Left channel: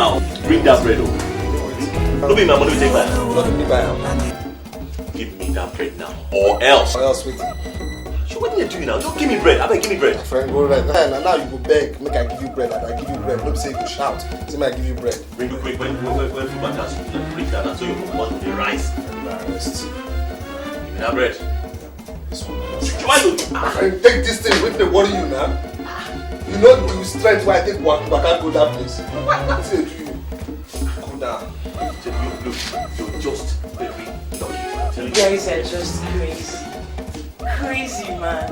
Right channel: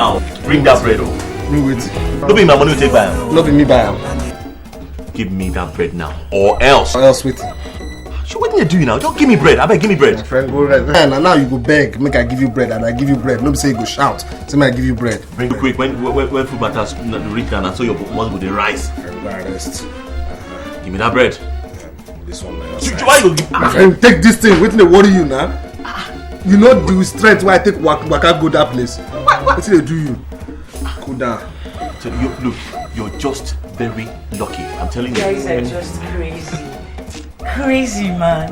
now. Bring that bread. Bring it. Don't be my money to take back. Not be me buy. Give me that bread now. Or else. Or else wait. So what are you doing now? Don't give me bread. I beg, give me bread. My friend, go right. And now you go beg, make I give you bread, and I give you bread. Don't say you go shout. Say me I give you bread. Very quick. When food matters reach down and so your one with the rice. Ernest. Give me that bread. This one. Why you? My friend, take this thing. Wait till they worry you now. You know the strength why I take waka go that place. What they do you? Cool down. So look, you're just very lucky. I'm telling you. Guys are just crazy. Crazy, man.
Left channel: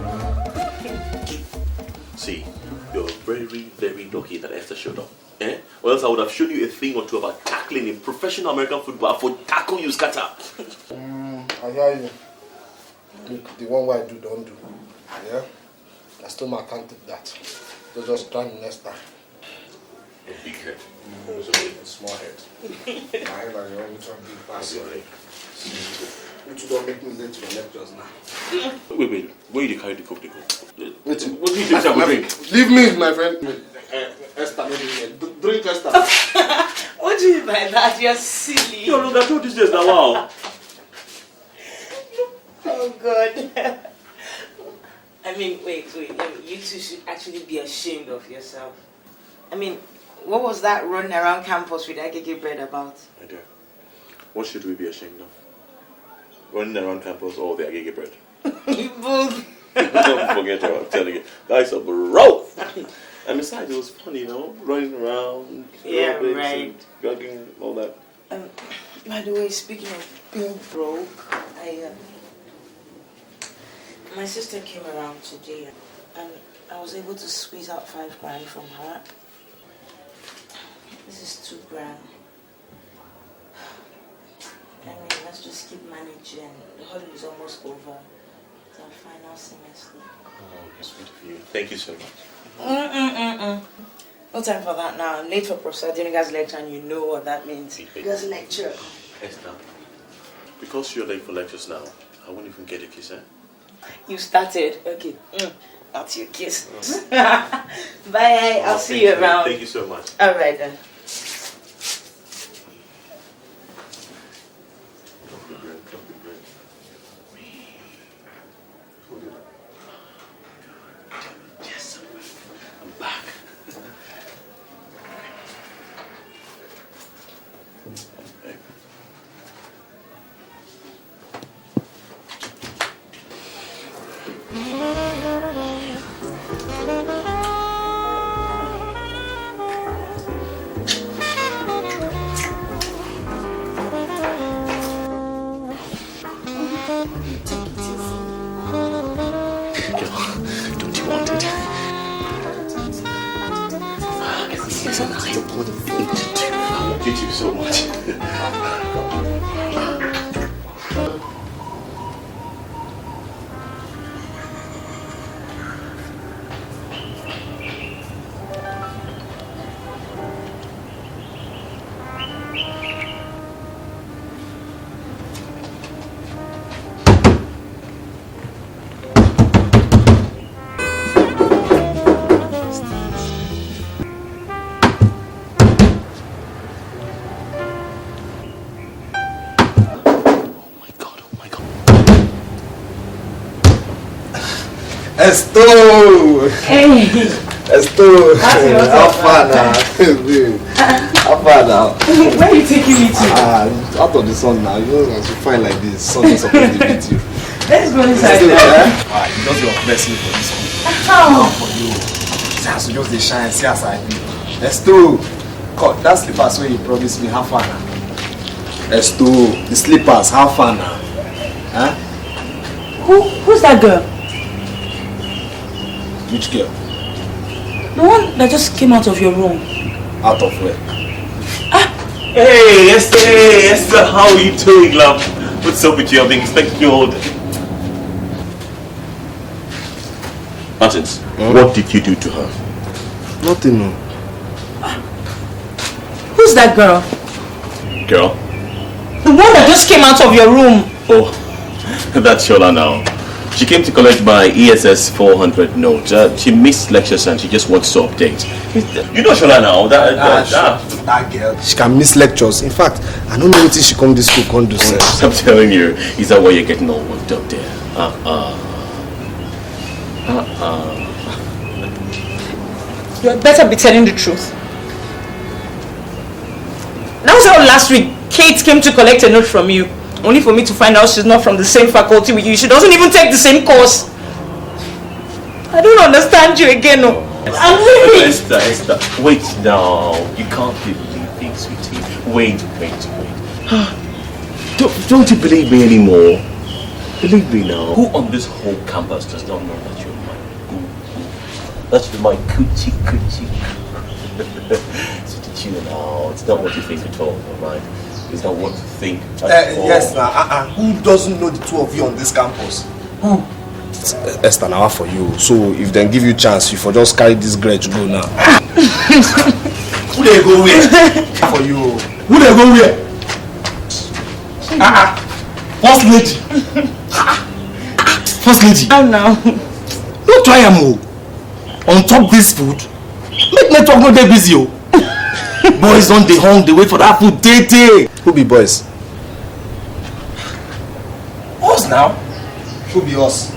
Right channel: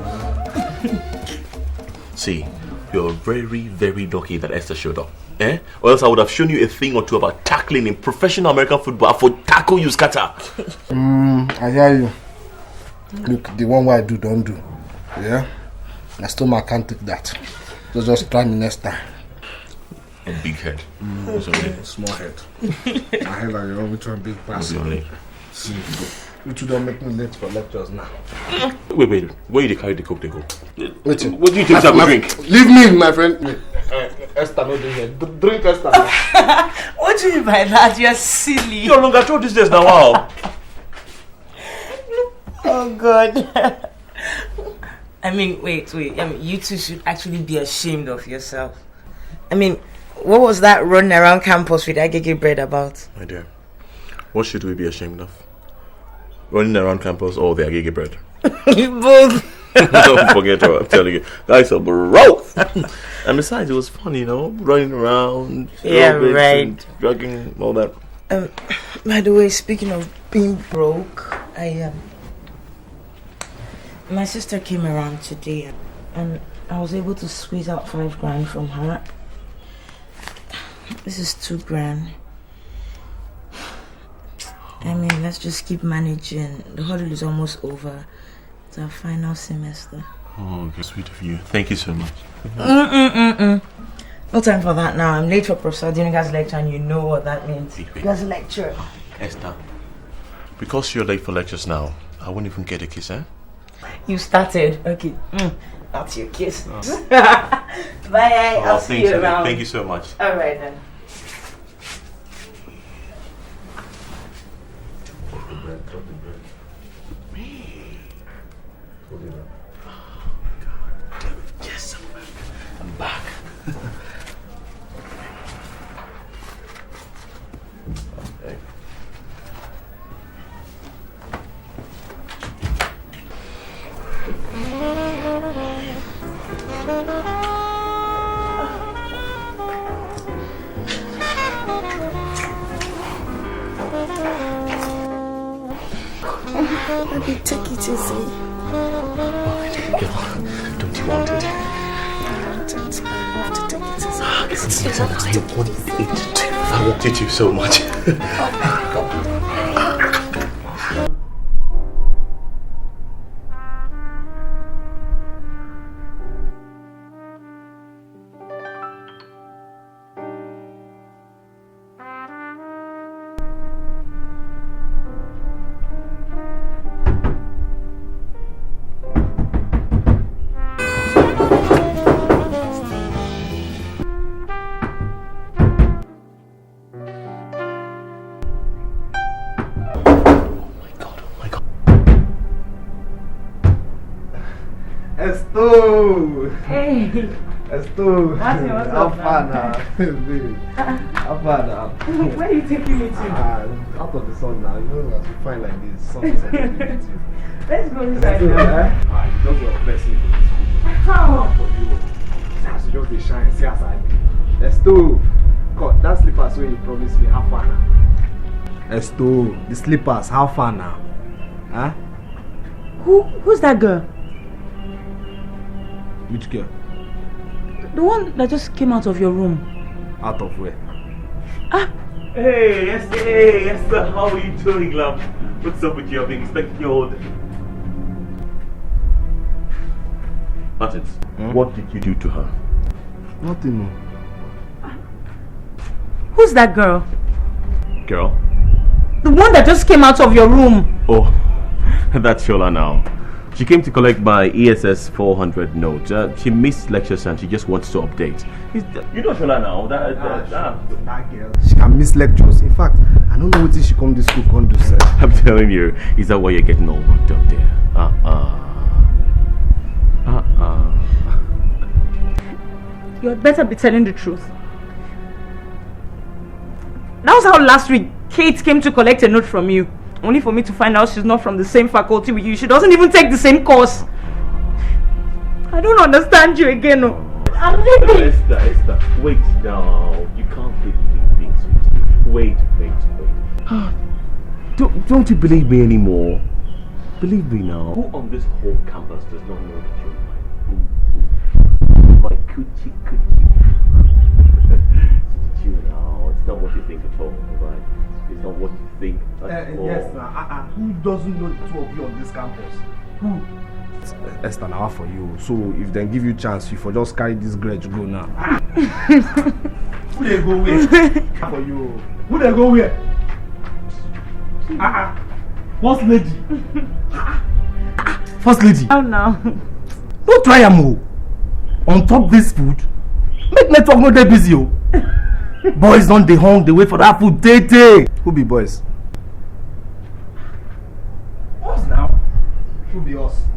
See, you're very, very lucky that Esther showed up. Eh? Or else I would have shown you a thing or two about tackling in professional American football. For tackle you scatter. I hear you. Look, the one way I do, don't do. Yeah? I still can't take that. So just try me next time. A big head. Small head. My head like your own, which one big pass. You two don't make me late for lectures now. Wait. Where you carry the coke they go? Wait. What do you think I will drink? Leave me, my friend. Esther, no here. Drink Esther. What do you mean by that? You're silly. No longer told this days now. Wow. Oh God. I mean, wait. You two should actually be ashamed of yourself. I mean, what was that running around campus with Agege bread about? My dear, what should we be ashamed of? Running around campus or the Agege bread? Both. Don't forget what I'm telling you. Guys are broke. And besides, it was fun, running around. Yeah, right. Drugging, all that. By the way, speaking of being broke, my sister came around today and I was able to squeeze out 5 grand from her. This is 2 grand. I mean, let's just keep managing. The holiday is almost over. It's our final semester. Oh, okay, sweet of you. Thank you so much. No time for that now. I'm late for Professor Adeniga's lecture and you know what that means. Wait. That's a lecture. Esther, because you're late for lectures now, I won't even get a kiss, eh? You started. Okay. That's your kiss. Oh. Bye. I'll see you around. Thank you so much. Alright then. Yes, I'm back. Take it easy. Don't you want it? Listen, I wanted you so much. Esto! Hey! Esto! How far now? How far now? Where are you taking me to? Out of the sun now. You know, as you find like this, sun is supposed to beat you. Let's go inside there. there. You just your blessing for this one. How? For you. See as you just the shine, see as I do. Esto! Cut that slippers where you promised me, how far now? Esto! The slippers, how far now? Huh? Who's that girl? Which girl? The one that just came out of your room. Out of where? Hey, Esther, how are you doing, love? What's up with you? I've been expecting you all day. Martins, what did you do to her? Nothing, no. Who's that girl? Girl? The one that just came out of your room. Oh, that's Shola now. She came to collect my ESS 400 note. She missed lectures and she just wants to update. You know Shola now. That girl, she can miss lectures. In fact, I don't know what she come this school can't do. I'm telling you, is that why you're getting all worked up there? You had better be telling the truth. That was how last week Kate came to collect a note from you, only for me to find out she's not from the same faculty with you. She doesn't even take the same course. I don't understand you again. No. I'm leaving. Esther, wait now. You can't believe things, sweetie. Wait. Don't you believe me anymore? Believe me now. Who on this whole campus does not know that you're my boo? That's my coochie. So did you know? It's not what you think at all, alright? It's not what you think at all. Yes, who doesn't know the two of you on this campus? Who? Esther, now for you. So if they give you chance, you for just carry this grudge go now. Who they go where? For you. Who they go where? First lady. First lady. Oh no. Don't try am on top this food. Make network not that busy. Boys on the hung, they wait for that food. Day. Who be boys? Us now. Who be us?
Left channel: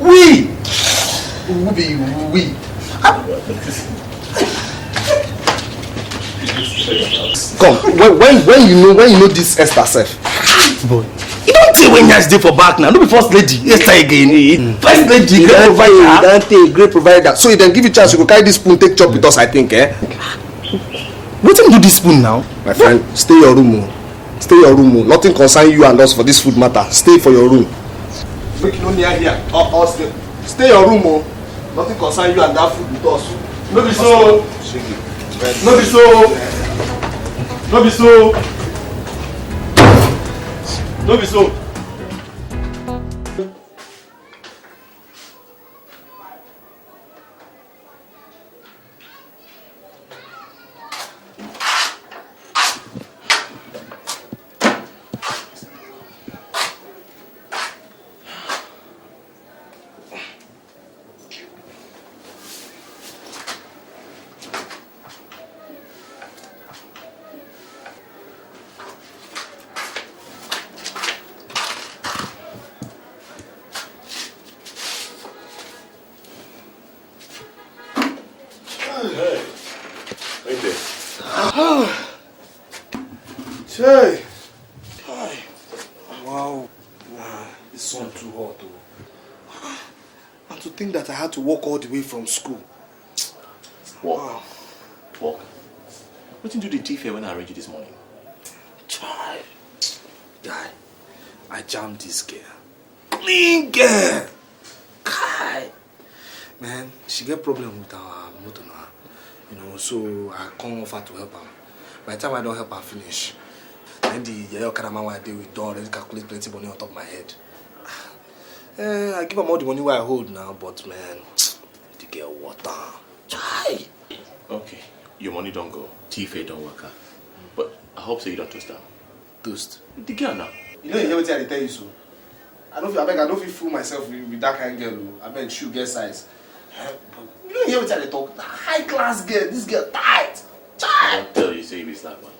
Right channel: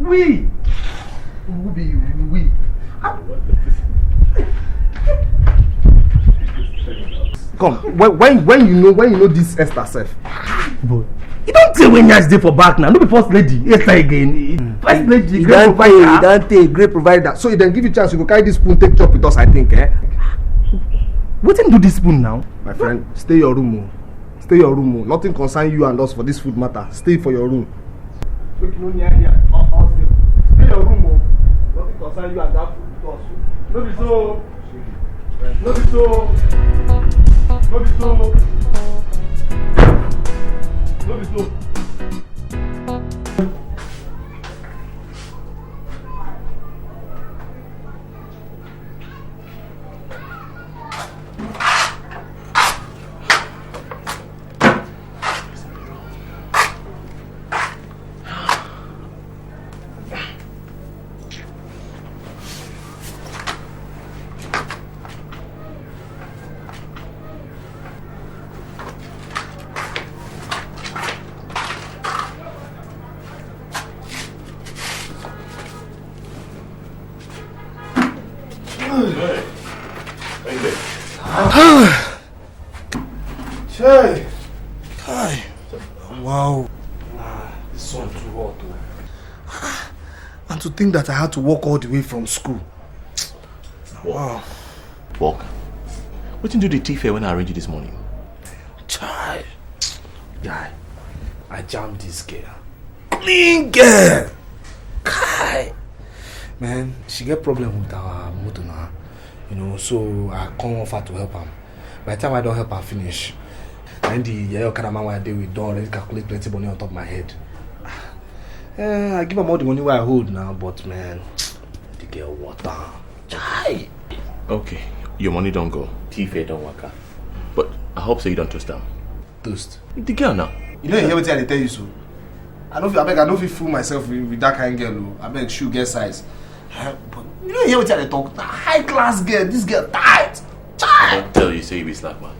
We. Who be we? Come, when you know this Esther self. Boy, you don't think when you're for back now. No be first lady. Esther again. First lady, great provider. You don't think great provider. So if they give you chance, you go carry this spoon, take chop with us. I think, What do this spoon now? My friend, stay your room. Stay your room. Nothing concern you and us for this food matter. Stay for your room. Make you no near here. Stay your room. Nothing concern you and that food with us. No be so. No be so. No be so. No be so. To think that I had to walk all the way from school. Walk. What did you do the tea fair when I arranged you this morning? Child. Guy, I jammed this girl. Clean girl. Kai. Man, she get problem with our motor now. You know, so I come offer to help her. By the time I don't help her finish, and the yellow kind of man I did with done, let's calculate plenty money on top of my head. I give her all the money where I hold now, but man, the girl water. Chai. Okay, your money don't go. Tea don't work out. But I hope so you don't toast them. Toast? The girl now. You don't hear what I tell you so. I don't feel fool myself with that kind of girl. I beg shoe get size. But you don't hear what I talk. High class girl, this girl tight. Chai. I don't tell you, say you be slack man.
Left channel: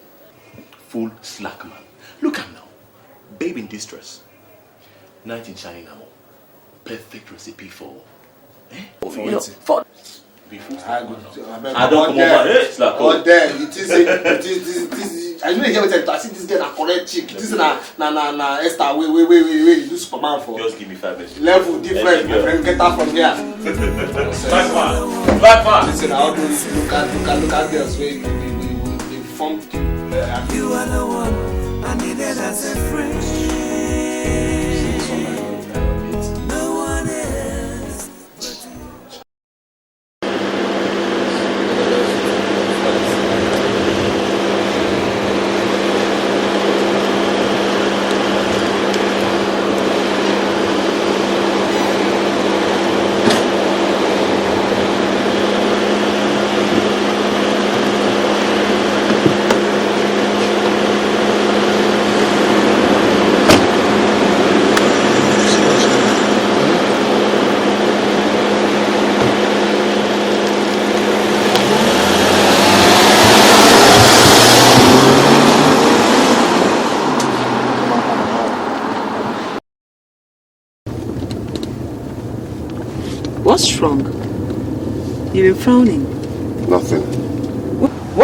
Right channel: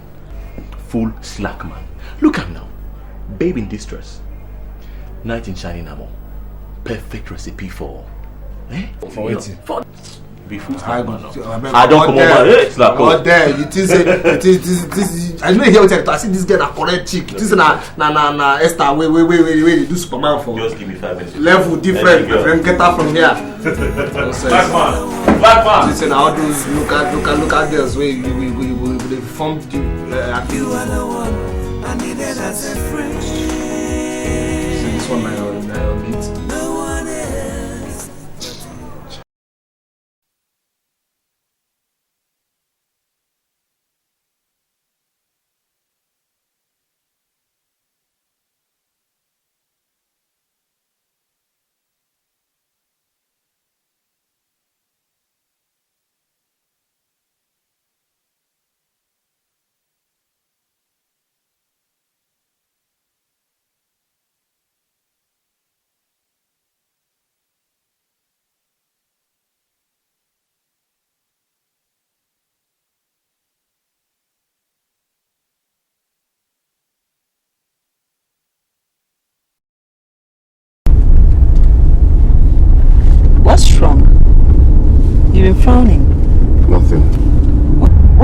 Full slack man. Look at him now. Babe in distress. Knight in shining armor. Perfect recipe for for be full slack man now. I don't come over slack. Oh damn, it is I don't hear what I see this girl na correct chick. This na Esther wait do Superman for. Just give me 5 minutes. Level different, my friend, get her from here. Black man. Listen, how do you look at girls we formed you are the one I needed as a friend. No one else but you.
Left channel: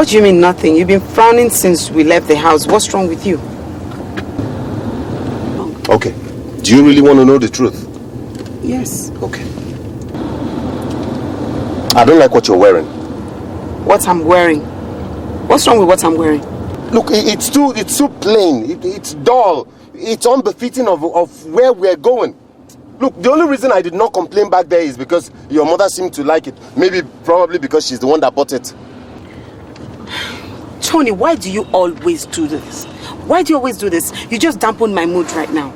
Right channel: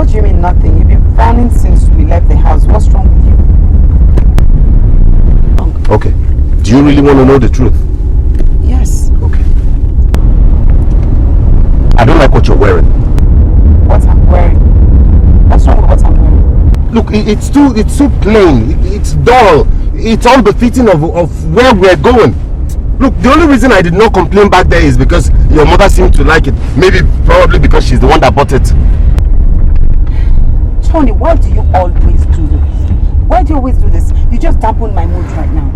What do you mean nothing? You've been frowning since we left the house. What's wrong with you? Okay. Do you really want to know the truth? Yes. Okay. I don't like what you're wearing. What I'm wearing? What's wrong with what I'm wearing? Look, it's too plain. It's dull. It's unbefitting of where we're going. Look, the only reason I did not complain back there is because your mother seemed to like it. Probably because she's the one that bought it. Tony, why do you always do this? Why do you always do this? You just dampen my mood right now.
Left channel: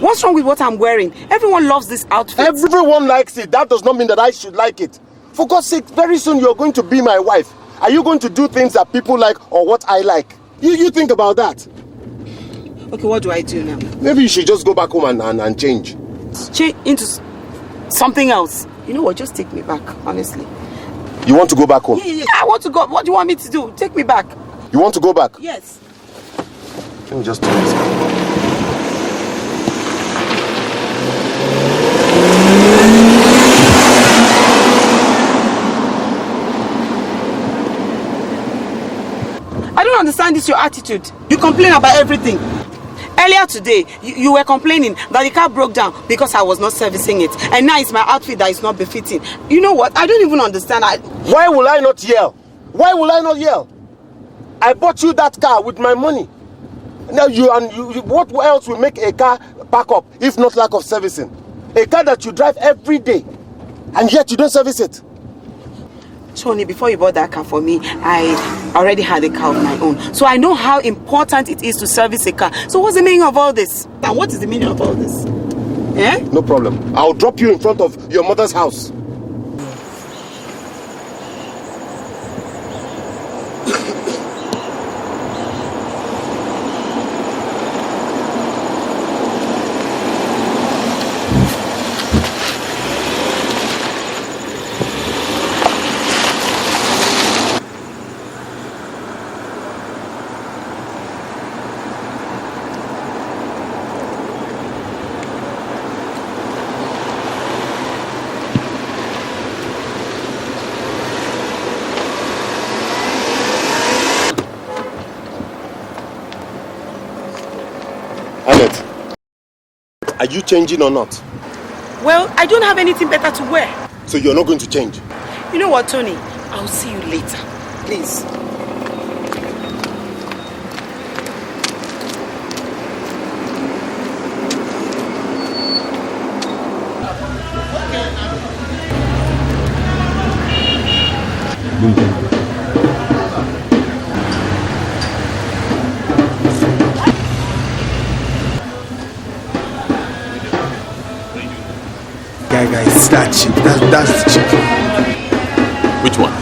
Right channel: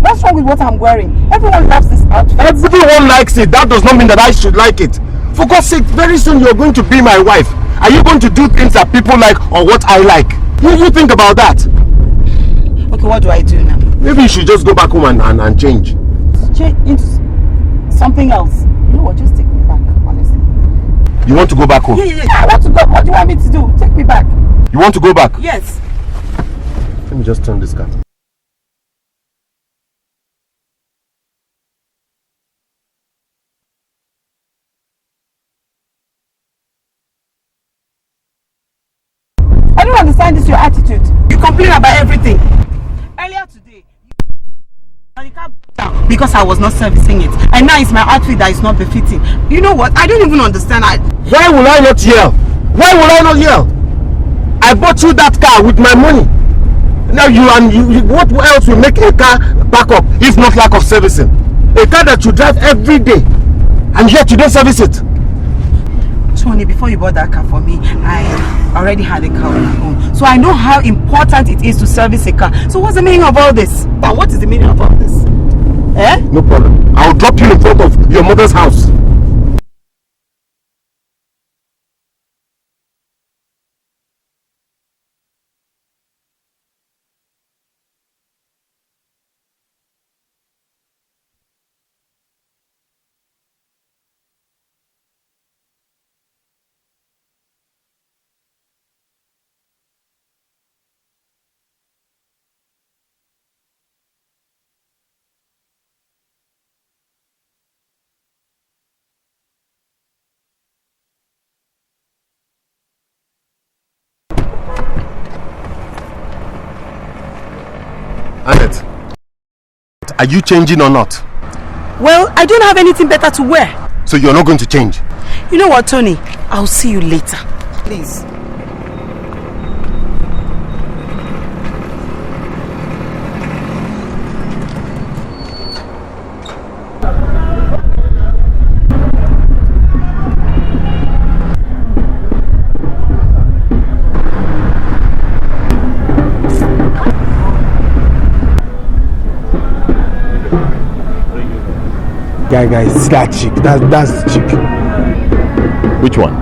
What's wrong with what I'm wearing? Everyone loves this outfit. Everyone likes it. That does not mean that I should like it. For God's sake, very soon you're going to be my wife. Are you going to do things that people like or what I like? You think about that. Okay, what do I do now? Maybe you should just go back home and change. Change into something else. You know what? Just take me back, honestly. You want to go back home? Yeah, I want to go. What do you want me to do? Take me back. You want to go back? Yes. Let me just turn this. I don't understand this, your attitude. You complain about everything. Earlier today, you were complaining that the car broke down because I was not servicing it. And now it's my outfit that is not befitting. You know what? I don't even understand. Why will I not yell? Why will I not yell? I bought you that car with my money. Now what else will make a car back up if not lack of servicing? A car that you drive every day and yet you don't service it. Tony, before you bought that car for me, I already had a car of my own. So I know how important it is to service a car. So what's the meaning of all this? And what is the meaning of all this? Eh? No problem. I'll drop you in front of your mother's house. Are you changing or not? Well, I don't have anything better to wear. So you're not going to change? You know what, Tony? I'll see you later. Please. Guys, that chick. That's the chick. Which one?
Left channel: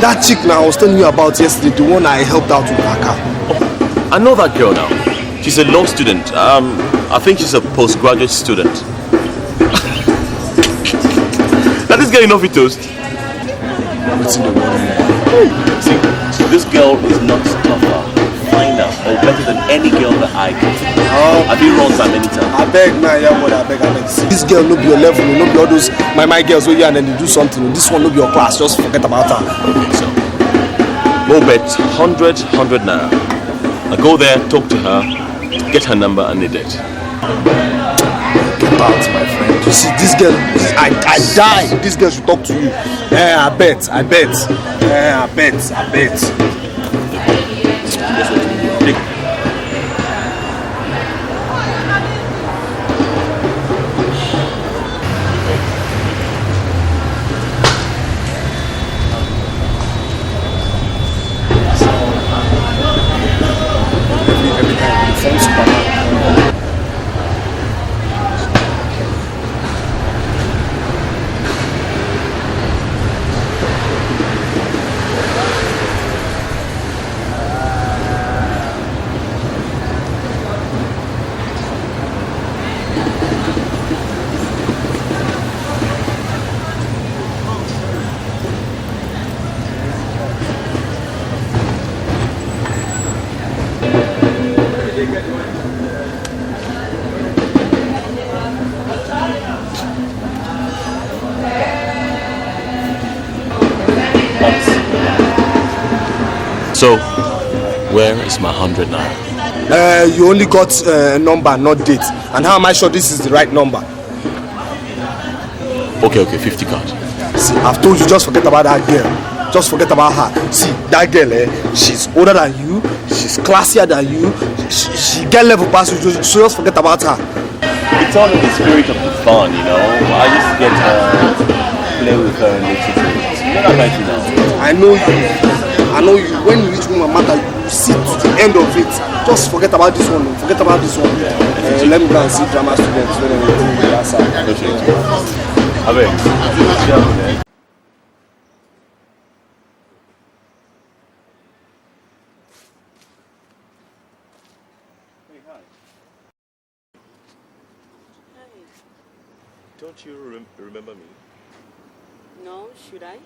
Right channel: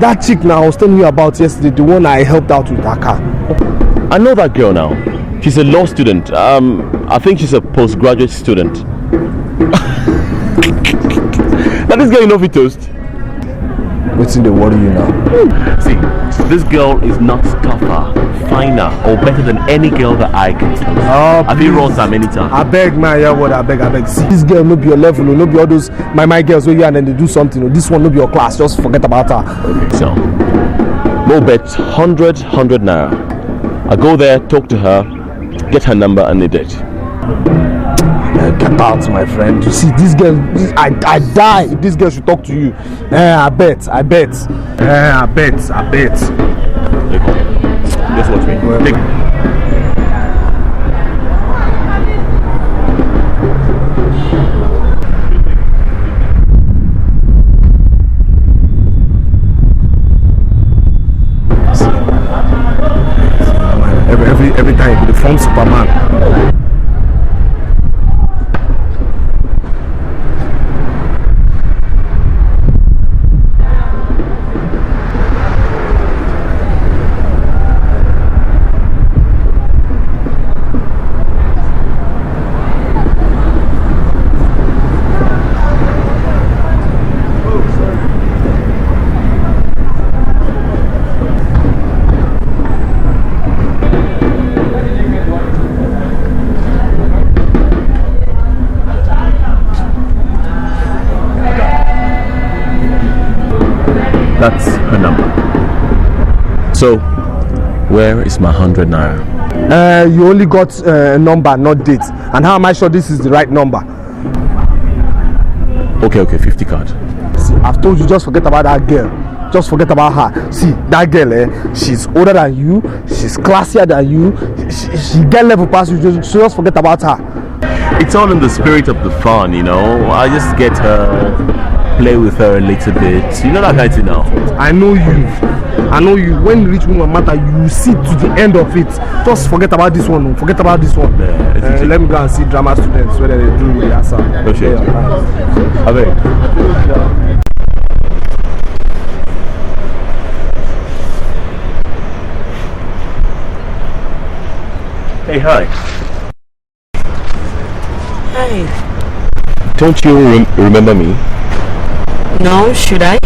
That chick now I was telling you about yesterday, the one I helped out with her car. Oh, I know that girl now. She's a law student. I think she's a postgraduate student. Now this girl you know fit toast. What's in the worry now? See, this girl is not tougher, finer, or better than any girl that I can. I've been wrong so many times. I beg, man, yeah, boy, I beg. See, this girl no be your level, no be all those my girls where you and then they do something. This one no be your class, just forget about her. Okay, so no bet, 100 naira. I go there, talk to her, get her number and the date. Get out, my friend. You see, this girl, I die if this girl should talk to you. I bet. Guess what? Take. Every time with the phone Superman. So, where is my 100 naira? You only got a number, not date. And how am I sure this is the right number? Okay, 50 card. See, I've told you, just forget about that girl. Just forget about her. See, that girl, she's older than you, she's classier than you, she get level past you, so just forget about her. It's all in the spirit of the fun, you know. I just get her, play with her a little bit. You know that kind of thing now. I know you. When you reach my matter, you see to the end of it. Just forget about this one. Yeah, so let me go and see drama students when they do the answer. Hey, hi. Hi. Don't you remember me? No, should I?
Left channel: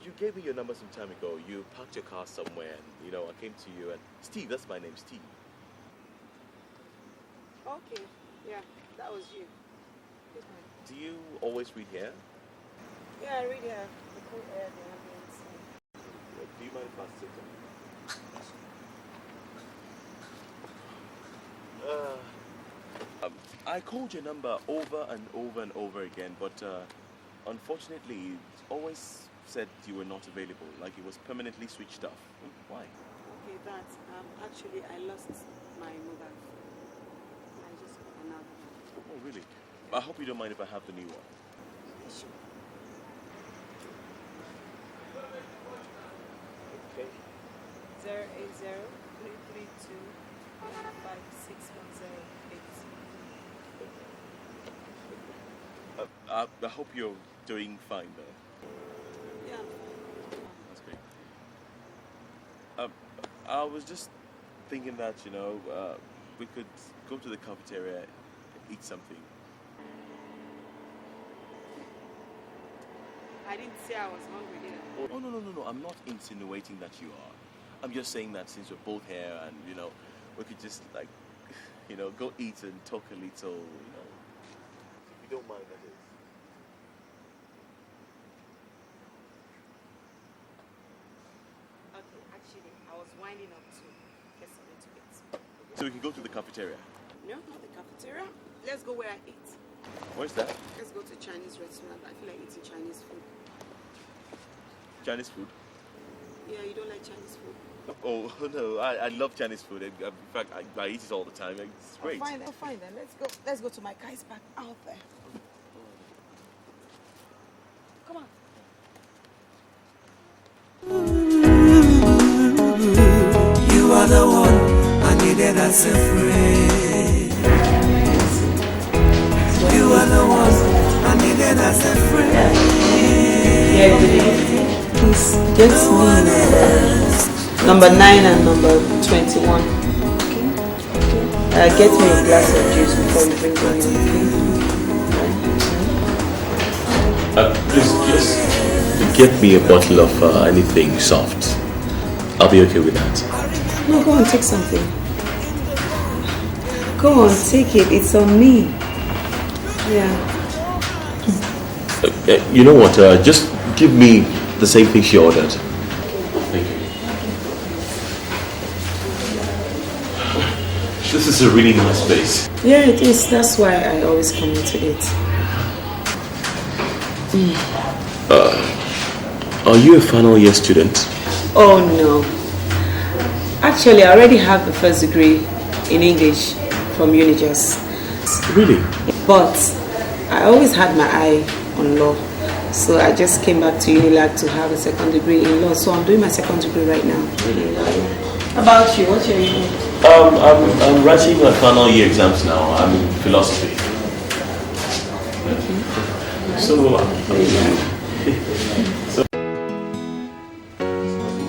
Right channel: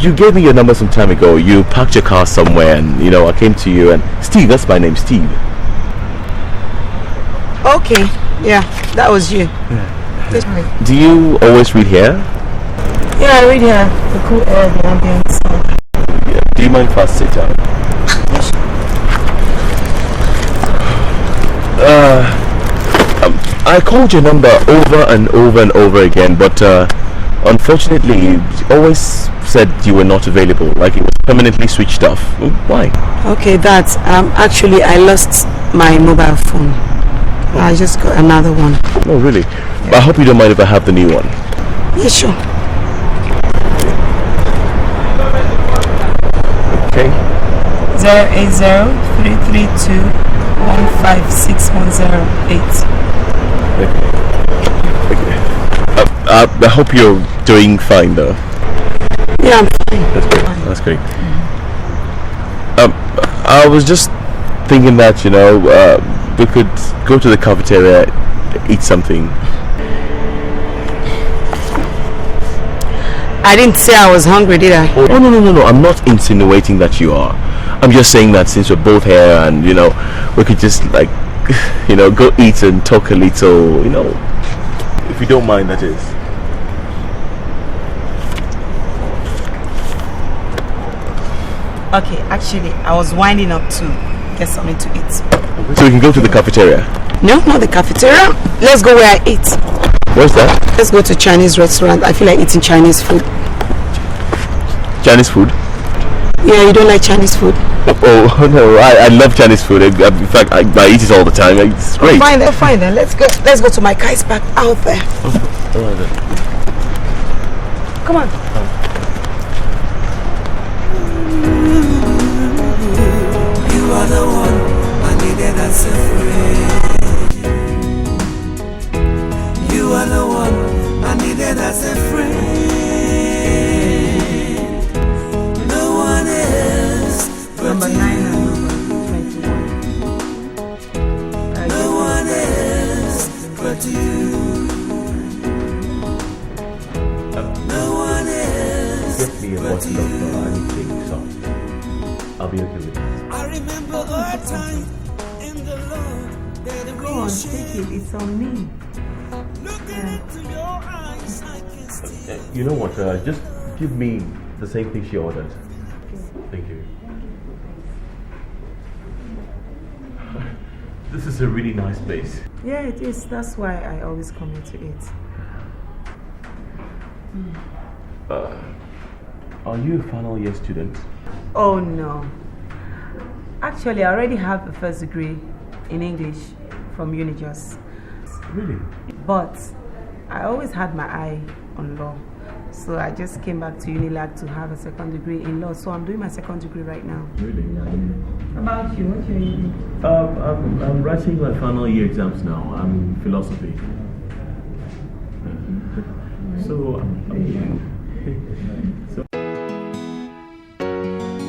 You gave me your number some time ago. You parked your car somewhere and, you know, I came to you and... Steve, that's my name, Steve. Okay, yeah, that was you. Yeah. Do you always read here? Yeah, I read here. The cool air, the ambience. Yeah. Do you mind if I sit down? I called your number over and over again, but unfortunately, you always said you were not available, like it was permanently switched off. Why? Okay, that's actually I lost my mobile phone. I just got another one. Oh, really? Yeah. I hope you don't mind if I have the new one. Yeah, sure. Okay. 080-332-156-108. Okay. I hope you're doing fine, though. Yeah, I'm fine. That's great. That's great. I was just thinking that, you know, we could go to the cafeteria, eat something. I didn't say I was hungry, did I? Oh, no. I'm not insinuating that you are. I'm just saying that since we're both here and, you know, we could just, like, you know, go eat and talk a little, you know, if you don't mind, that is. Okay, actually, I was winding up to get something to eat. So we can go to the cafeteria? No, not the cafeteria. Let's go where I eat. Where's that? Let's go to Chinese restaurant. I feel like eating Chinese food. Chinese food? Yeah, you don't like Chinese food? Oh no, I love Chinese food. In fact, I eat it all the time. It's great. Oh, fine then. Let's go to my Kai's back out there. Oh, all right then. Come on. You are the one I needed as a friend. You are the one I needed as a friend. No one else. Number 9 and number 21. Get me a glass of juice. Just get me a bottle of anything soft. I'll be okay with that. No, go on, take something. Go on, take it. It's on me. Yeah. You know what? Just give me the same thing she ordered. Thank you. This is a really nice place. Yeah, it is. That's why I always come into it. Are you a final year student? Oh no. Actually, I already have the first degree in English from Unijust. Really? But I always had my eye on law. So I just came back to Unilag to have a second degree in law. So I'm doing my second degree right now. Really? How about you? What's your degree? I'm writing my final year exams now. I'm in philosophy. Okay. So,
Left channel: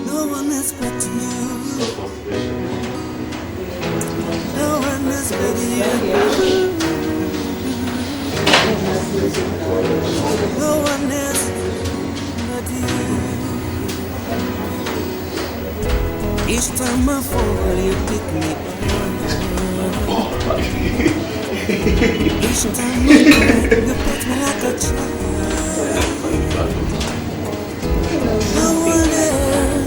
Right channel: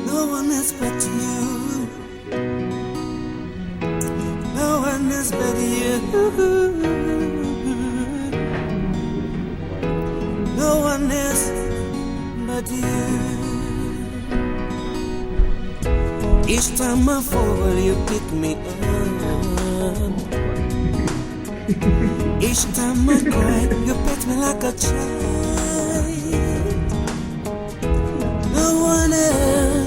No one else but you. No one else but you. No one else but you. Each time I fall, you pick me up. Each time I cry, you pet me like a child. No one else.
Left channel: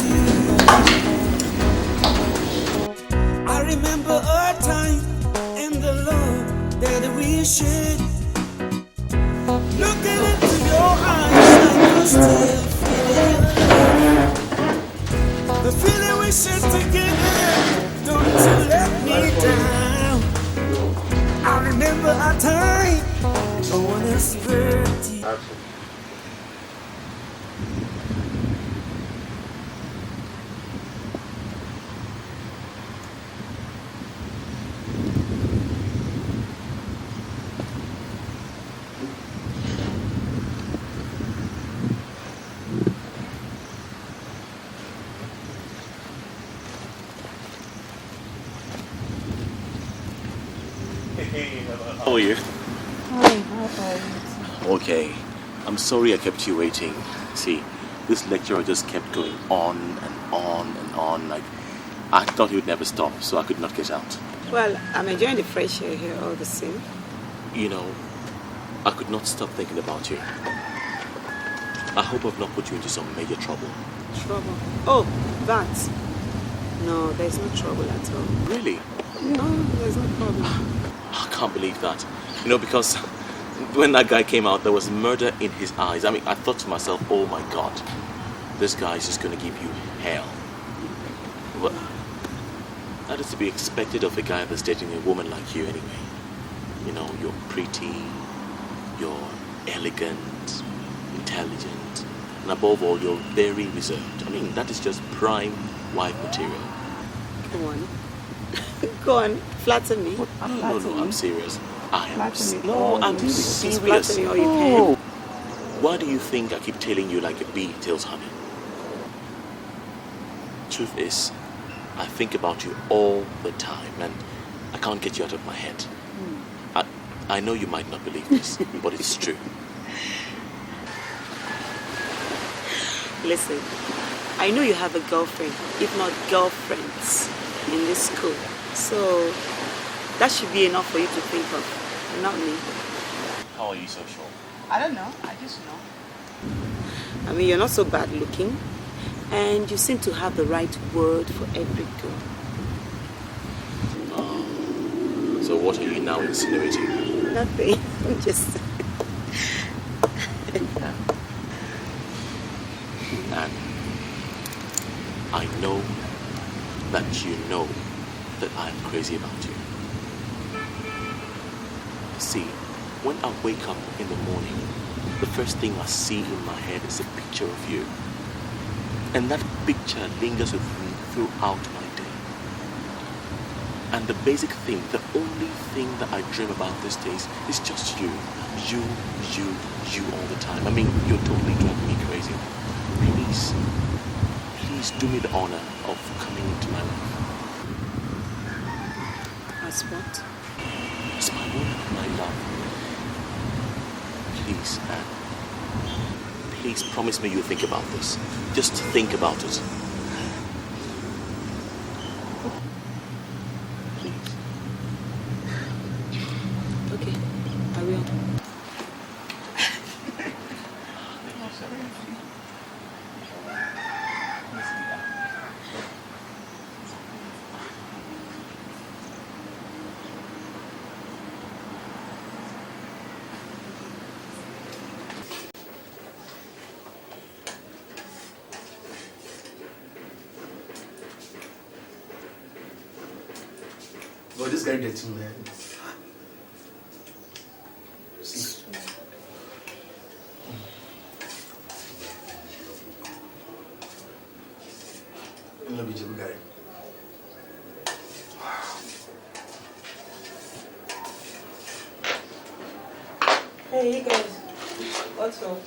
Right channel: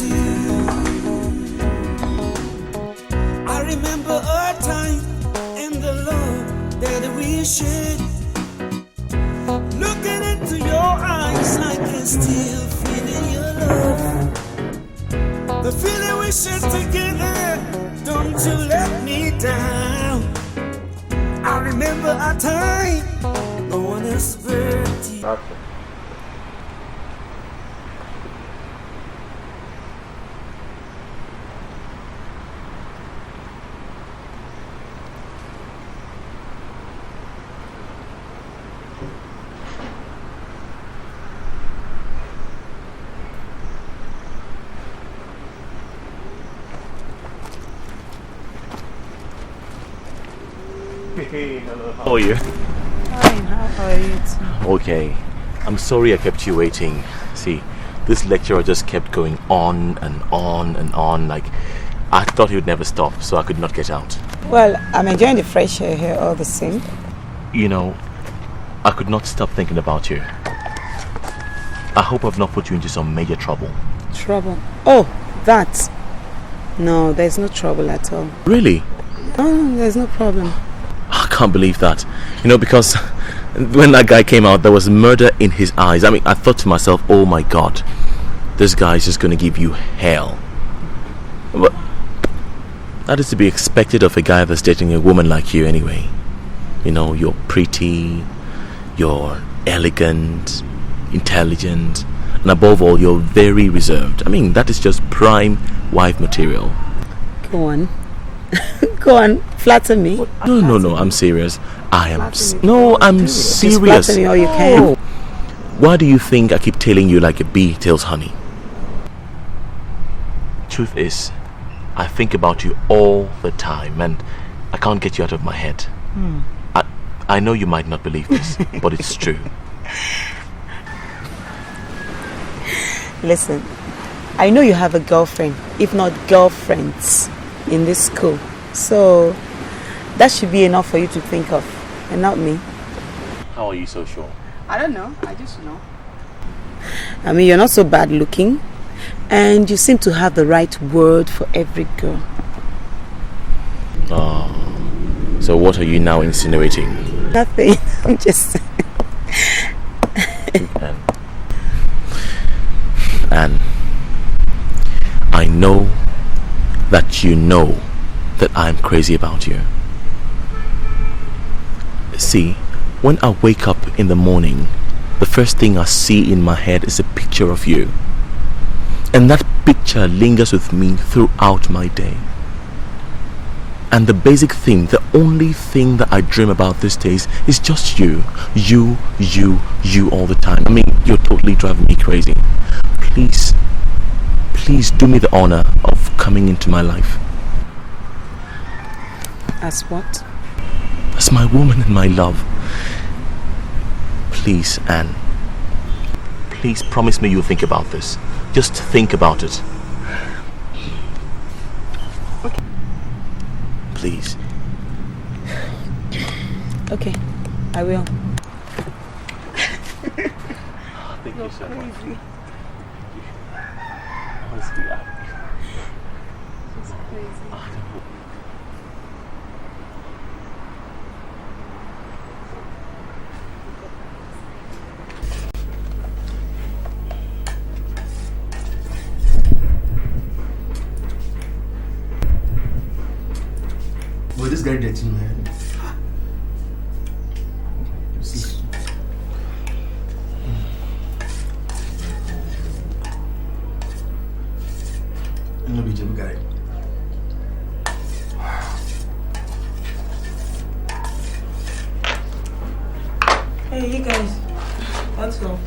I remember a time in the love that we shared. Looking into your eyes, I can still feel your love. The feeling we shared together, don't you let me down. I remember a time, no one else birthday. Hey, hello. How are you? Hi, how are you? Okay. I'm sorry I kept you waiting. See, this lecturer just kept going on and on and on. Like, I thought he would never stop, so I could not get out. Well, I'm enjoying the fresh air here all the same. You know, I could not stop thinking about you. I hope I've not put you into some major trouble. Trouble? Oh, that. No, there's no trouble at all. Really? No, there's no problem. I can't believe that. You know, because when that guy came out, there was murder in his eyes. I mean, I thought to myself, oh my God, this guy is just going to give you hell. But that is to be expected of a guy that's dating a woman like you anyway. You know, you're pretty, you're elegant, intelligent, and above all, you're very reserved. I mean, that is just prime wife material. Go on. Go on, flatter me. No, I'm serious. I'm serious. Just flatter me all you can. Why do you think I keep tailing you like a bee tails honey? Truth is, I think about you all the time and I can't get you out of my head. I know you might not believe this, but it's true. Listen, I know you have a girlfriend, if not girlfriends, in this school. So that should be enough for you to think of, and not me. How are you so sure? I don't know, I just know. I mean, you're not so bad looking, and you seem to have the right word for every girl. Oh, so what are you now insinuating? Nothing, I'm just... And I know that you know that I'm crazy about you. See, when I wake up in the morning, the first thing I see in my head is a picture of you. And that picture lingers with me throughout my day. And the basic thing, the only thing that I dream about these days is just you. You all the time. I mean, you're totally driving me crazy. Please do me the honor of coming into my life. As what? As my woman and my love. Please, Anne. Please promise me you'll think about this. Just think about it. Okay. Please. Okay, I will. Thank you so much. Boy, this guy dirty, man. No be Jim guy. Hey, you guys. What's up?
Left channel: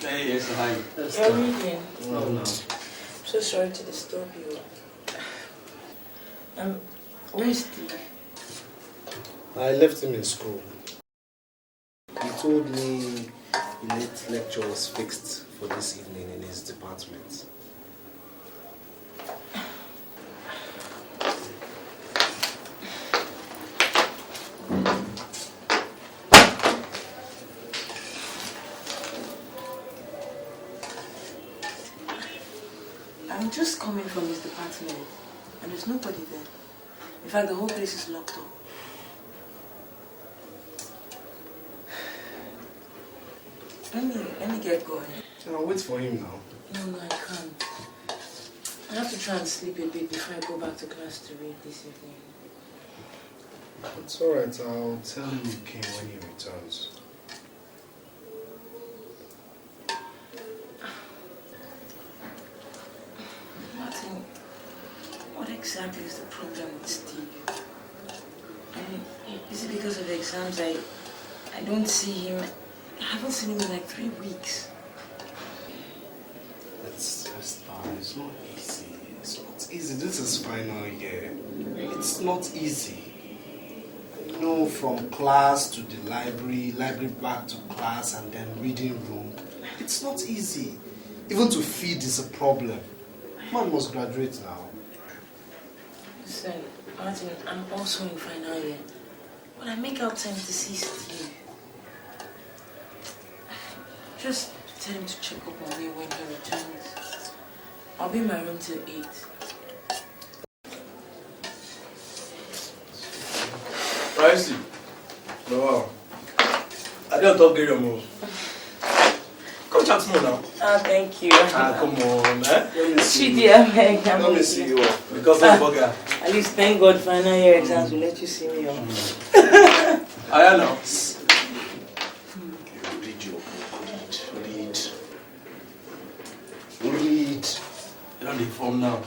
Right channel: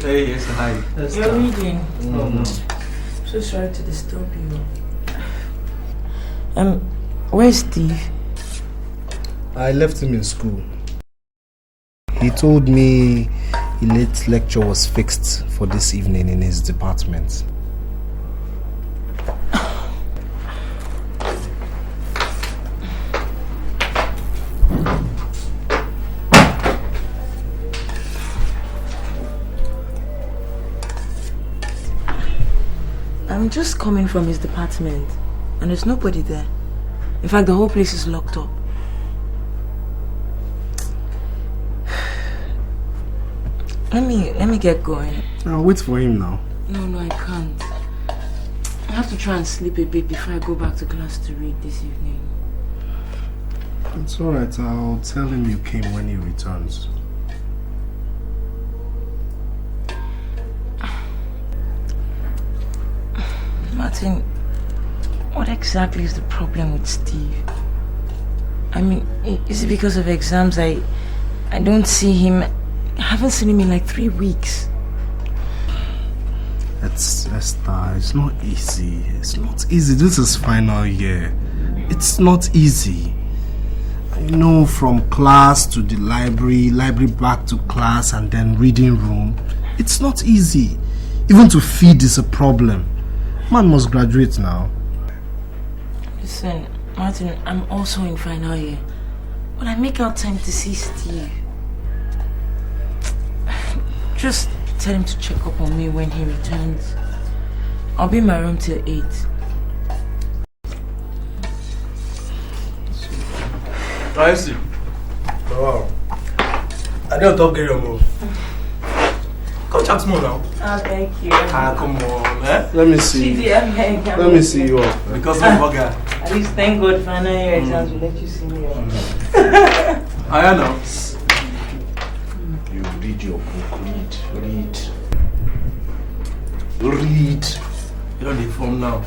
Hey, yes, hi. You're reading. No. So sorry to disturb you. Where's Steve? I left him in school. He told me a late lecture was fixed for this evening in his department. I'm just coming from his department and there's nobody there. In fact, the whole place is locked up. Let me get going. I'll wait for him now. No, I can't. I have to try and sleep a bit before I go back to class to read this evening. It's alright, I'll tell him you came when he returns. Martin, what exactly is the problem with Steve? I mean, is it because of exams? I don't see him. I haven't seen him in like 3 weeks. Esther, it's not easy. It's not easy. This is final year. It's not easy. You know, from class to the library back to class, and then reading room. It's not easy. Even to feed is a problem. Man must graduate now. Listen, Martin, I'm also in final year. Will I make out time to see Steve? Just tell him to check up on me when he returns. I'll be in my room till 8. I see. Wow. I don't talk get your move. Come chat more now. Oh, thank you. Come on, eh? Let me see. Let me see you off. Because of bugger. At least thank God final year exams will let you see me off. I know. You read your book. Read. You're the form now.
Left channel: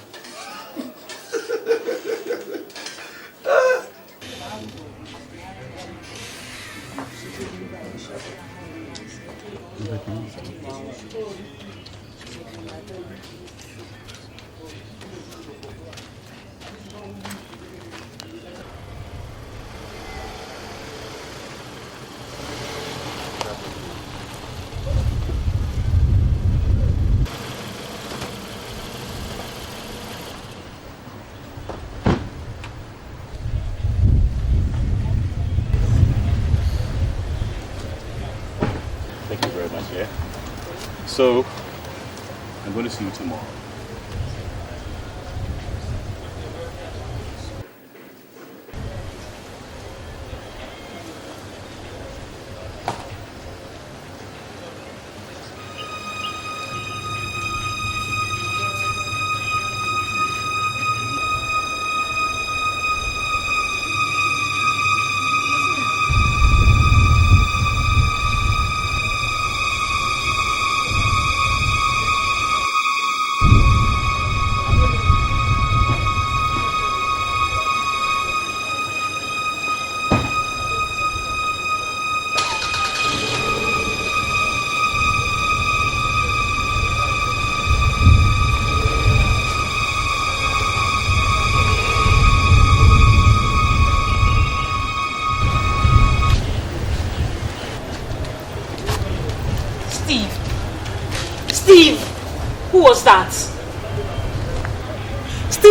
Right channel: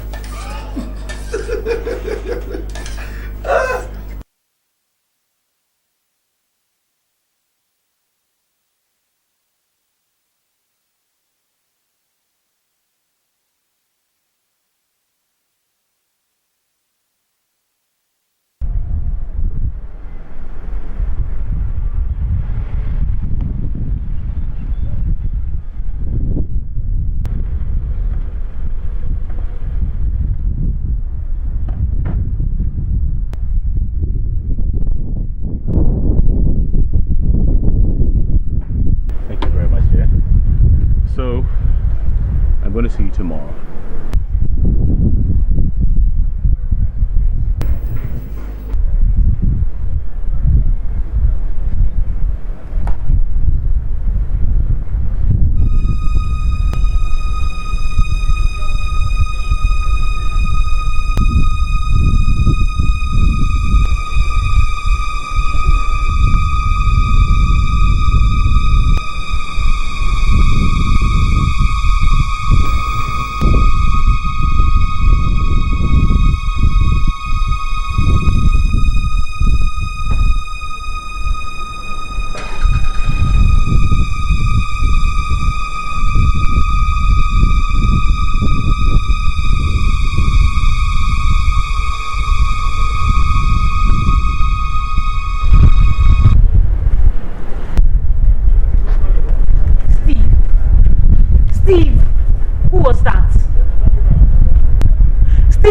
So, I'm going to see you tomorrow.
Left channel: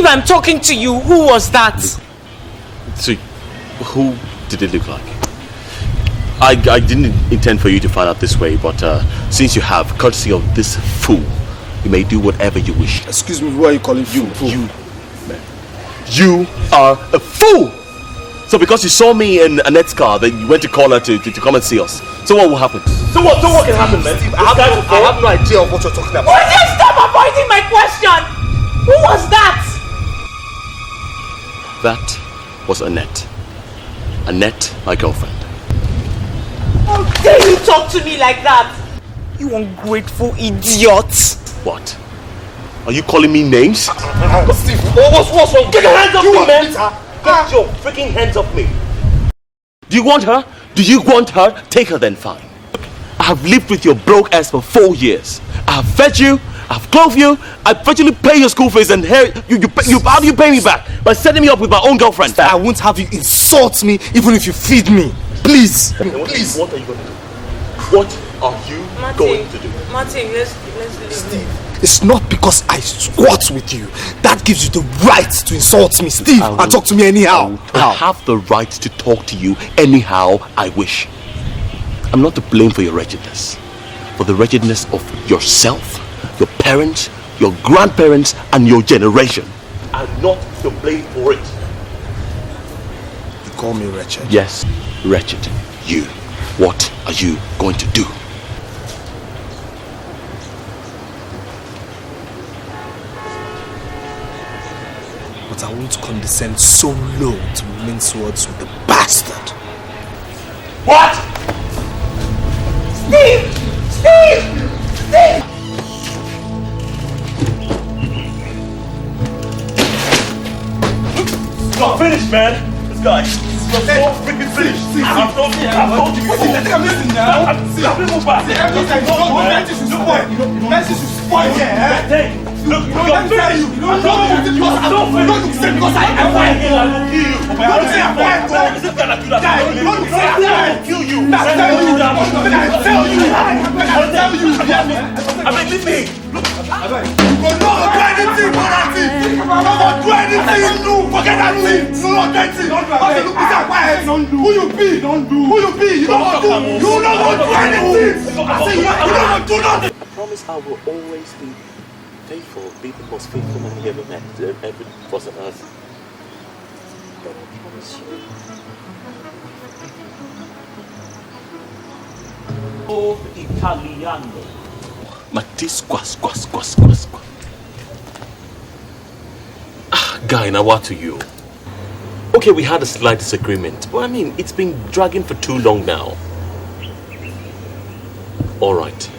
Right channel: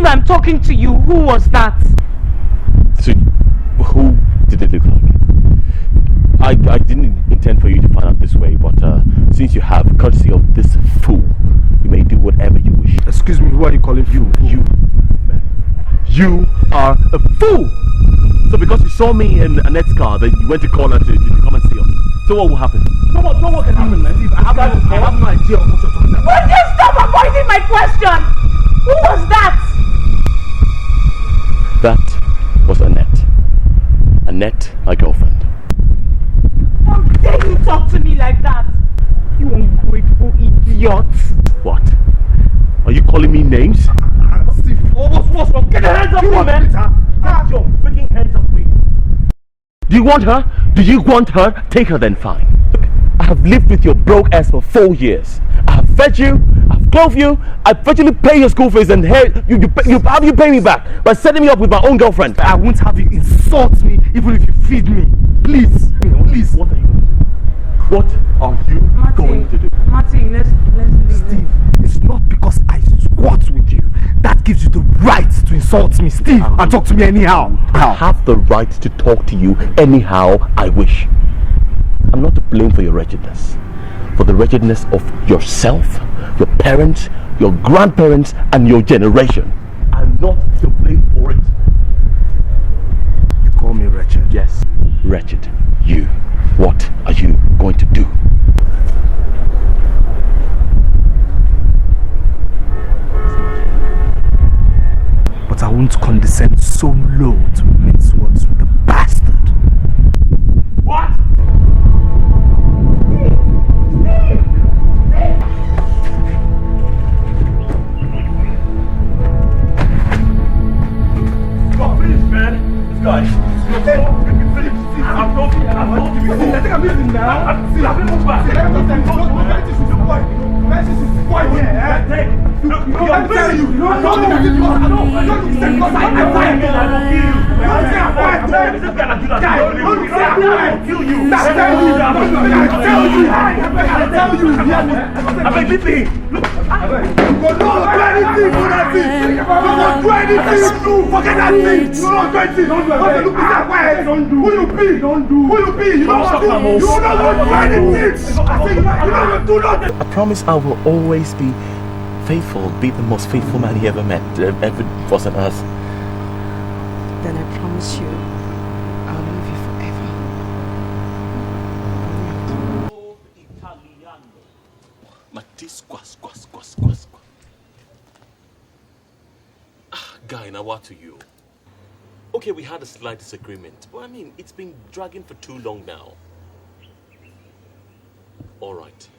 I'm talking to you. Who was that? So, who did it look like? I didn't intend for you to find out this way, but since you have courtesy of this fool, you may do whatever you wish. Excuse me, who are you calling fool? You are a fool! So because you saw me in Annette's car, then you went to call her to come and see us. So what will happen? So what can happen, man? Steve, I have no idea of what you're talking about. Will you stop avoiding my question? Who was that? That was Annette. Annette, my girlfriend. How dare you talk to me like that? You ungrateful idiot. What? Are you calling me names? Steve, what's wrong? Get your hands off me, man! Get your freaking hands off me! Do you want her? Do you want her? Take her then, fine. I have lived with your broke ass for 4 years. I have fed you, I've clothed you, I virtually pay your school fees, and how do you pay me back? By setting me up with my own girlfriend. I won't have you insult me even if you feed me. Please. Please. What are you going to do? What are you going to do? Martin, let's leave. Steve, it's not because I squat with you that gives you the right to insult me, Steve, and talk to me anyhow. I have the right to talk to you anyhow I wish. I'm not to blame for your wretchedness. For the wretchedness of yourself, your parents, your grandparents and your generation are not to blame for it. You call me wretched? Yes, wretched. You. What are you going to do? But I won't condescend so low to mince words with the bastard. What? Steve! Not finished, man. This guy. You're so freaking finished. I've told you. I think I'm missing now. I'm move back. Look, you're finished. You're so finished. Kill you. I tell you. I'm like, listen. Look. Don't do anything. Don't do anything. Forget that thing. Don't do anything. Who you be? Don't do. Who you be? You don't want to do. You don't want to do anything. I say you don't want to do nothing. I promise I will always be faithful. Be the most faithful man he ever met. Ever was on earth. Then I promise you, I'll love you forever. Italiano. Guy, now what to you? Okay, we had a slight disagreement, but I mean, it's been dragging for too long now. Alright.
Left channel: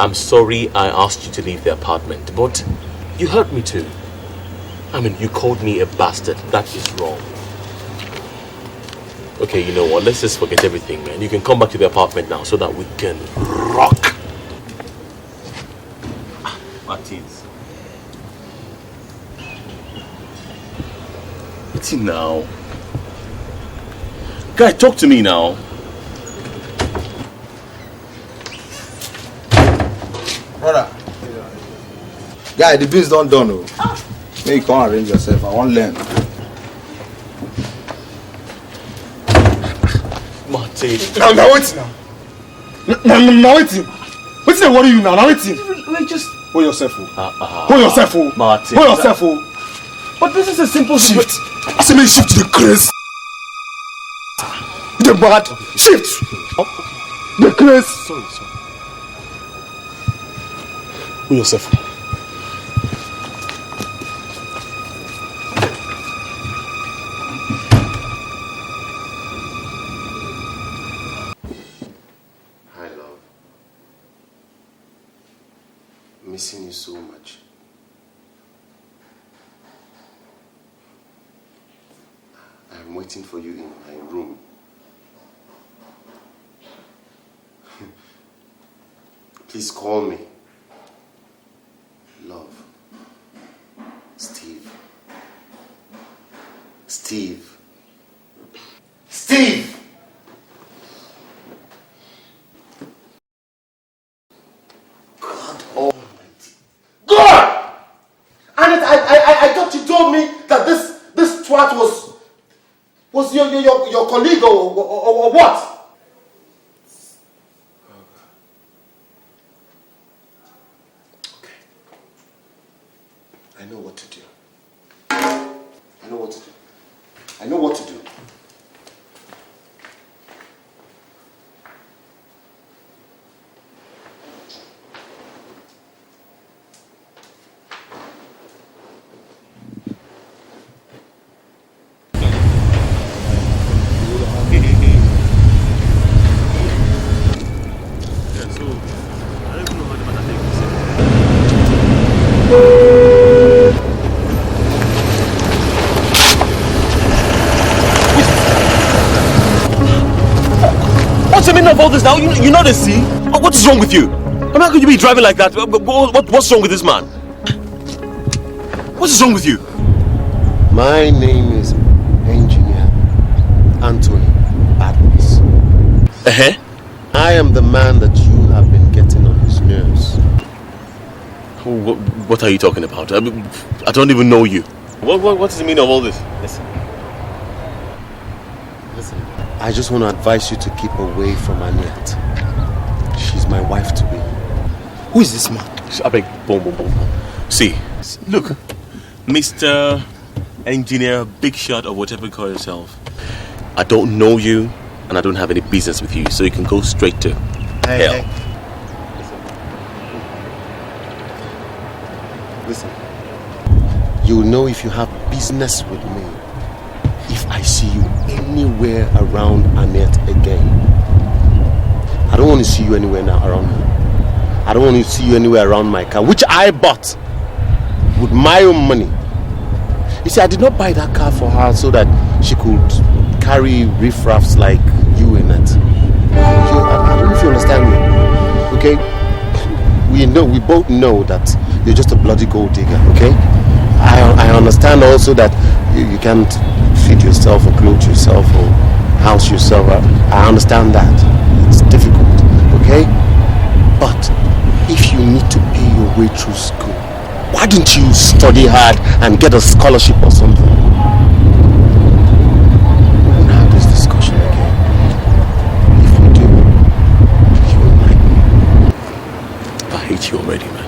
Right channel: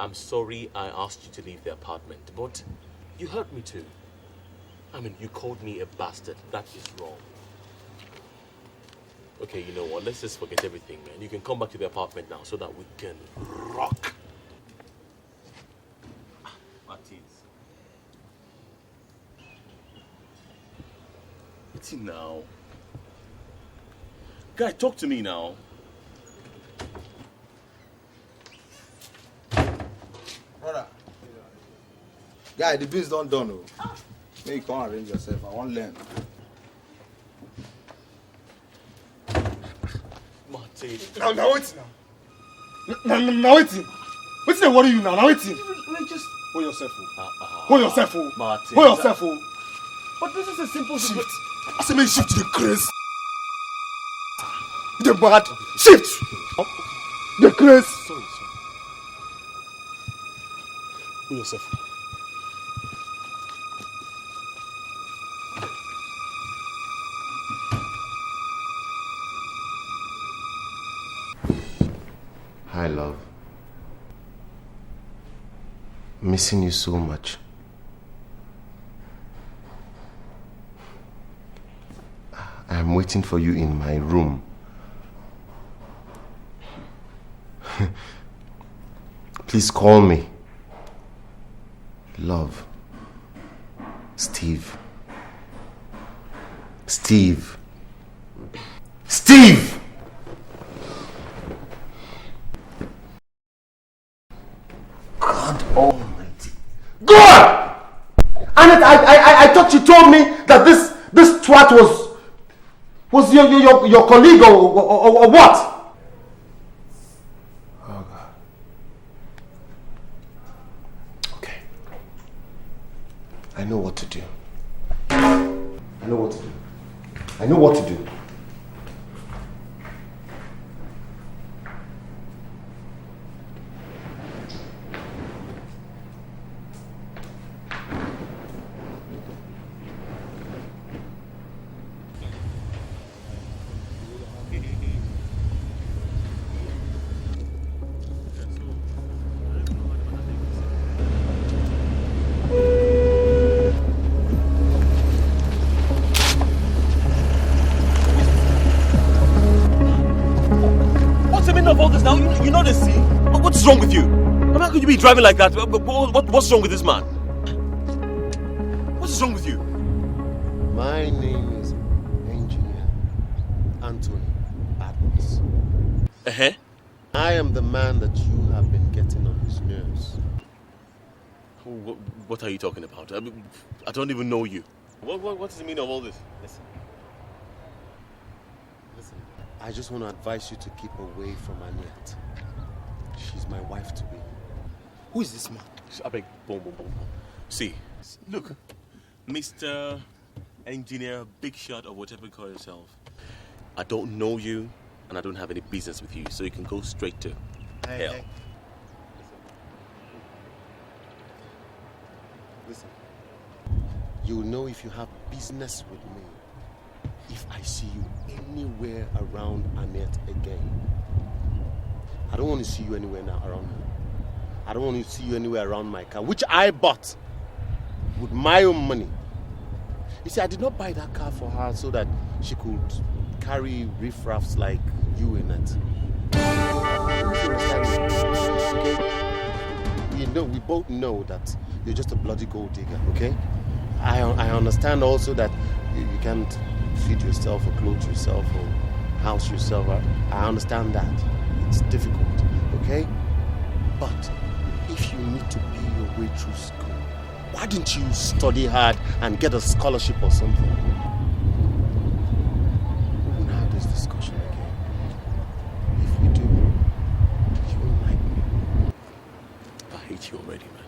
I'm sorry I asked you to leave the apartment, but you hurt me too. I mean, you called me a bastard. That is wrong. Okay, you know what? Let's just forget everything, man. You can come back to the apartment now so that we can rock. Martins. What's it now? Guy, talk to me now. Brother. Guy, the bills don't done. Oh. Maybe you can't arrange yourself. I won't learn. Martin. Now wait now. Now wait. What's the worry you now? Now wait. Wait, just hold yourself. Hold yourself. Martin. Hold yourself. But this is a simple shift. I say me shift to the grace. The bad shift. The grace. Sorry. Hold yourself. Hi, love. Missing you so much. I am waiting for you in my room. Please call me. Love. Steve. Steve. Steve! God Almighty. God! And I thought you told me that this twat was your colleague or what? Oh God. Okay. I know what to do. I know what to do. Of all this now, you know the sea. What is wrong with you? I mean, how could you be driving like that? What's wrong with this man? What is wrong with you? My name is Engineer Anthony Adams. I am the man that you have been getting on his nerves. What are you talking about? I don't even know you. What does it mean of all this? Listen. I just want to advise you to keep away from Aniat. She's my wife to be. Who is this man? I beg, boom. See, look, Mr. Engineer, big shot or whatever you call yourself. I don't know you and I don't have any business with you, so you can go straight to hell. Hey. Listen. You'll know if you have business with me if I see you anywhere around Annette again. I don't want to see you anywhere now around me. I don't want to see you anywhere around my car, which I bought with my own money. You see, I did not buy that car for her so that she could carry riffraffs like you in it. I don't know if you understand me, okay? We both know that you're just a bloody gold digger, okay? I understand also that you can't feed yourself or clothe yourself or house yourself. I understand that. It's difficult, okay? But if you need to pay your way through school, why don't you study hard and get a scholarship or something? We won't have this discussion again. If we do, you won't like me. I hate you already, man.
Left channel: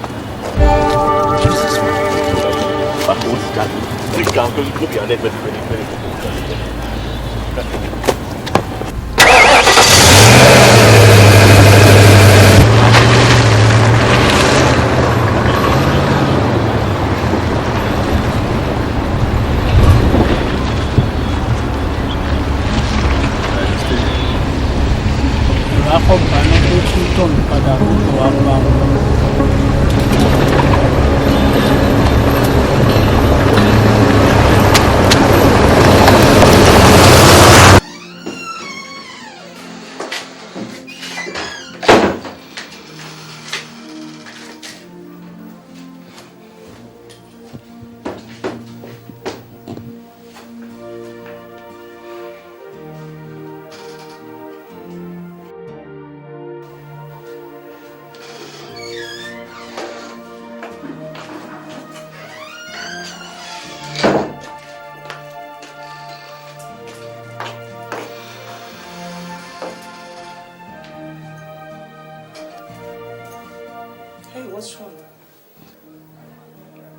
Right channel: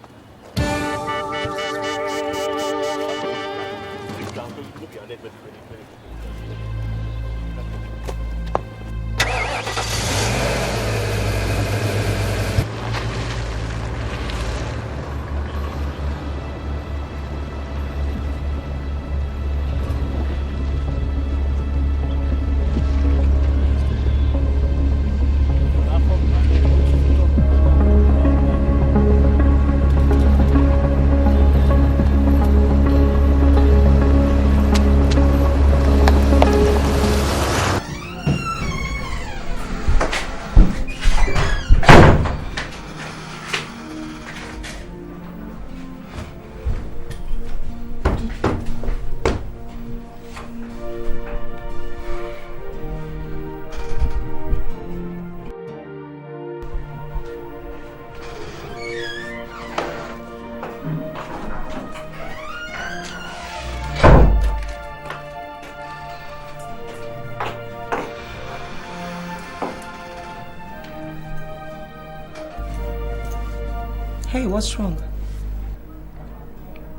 Hey, what's wrong?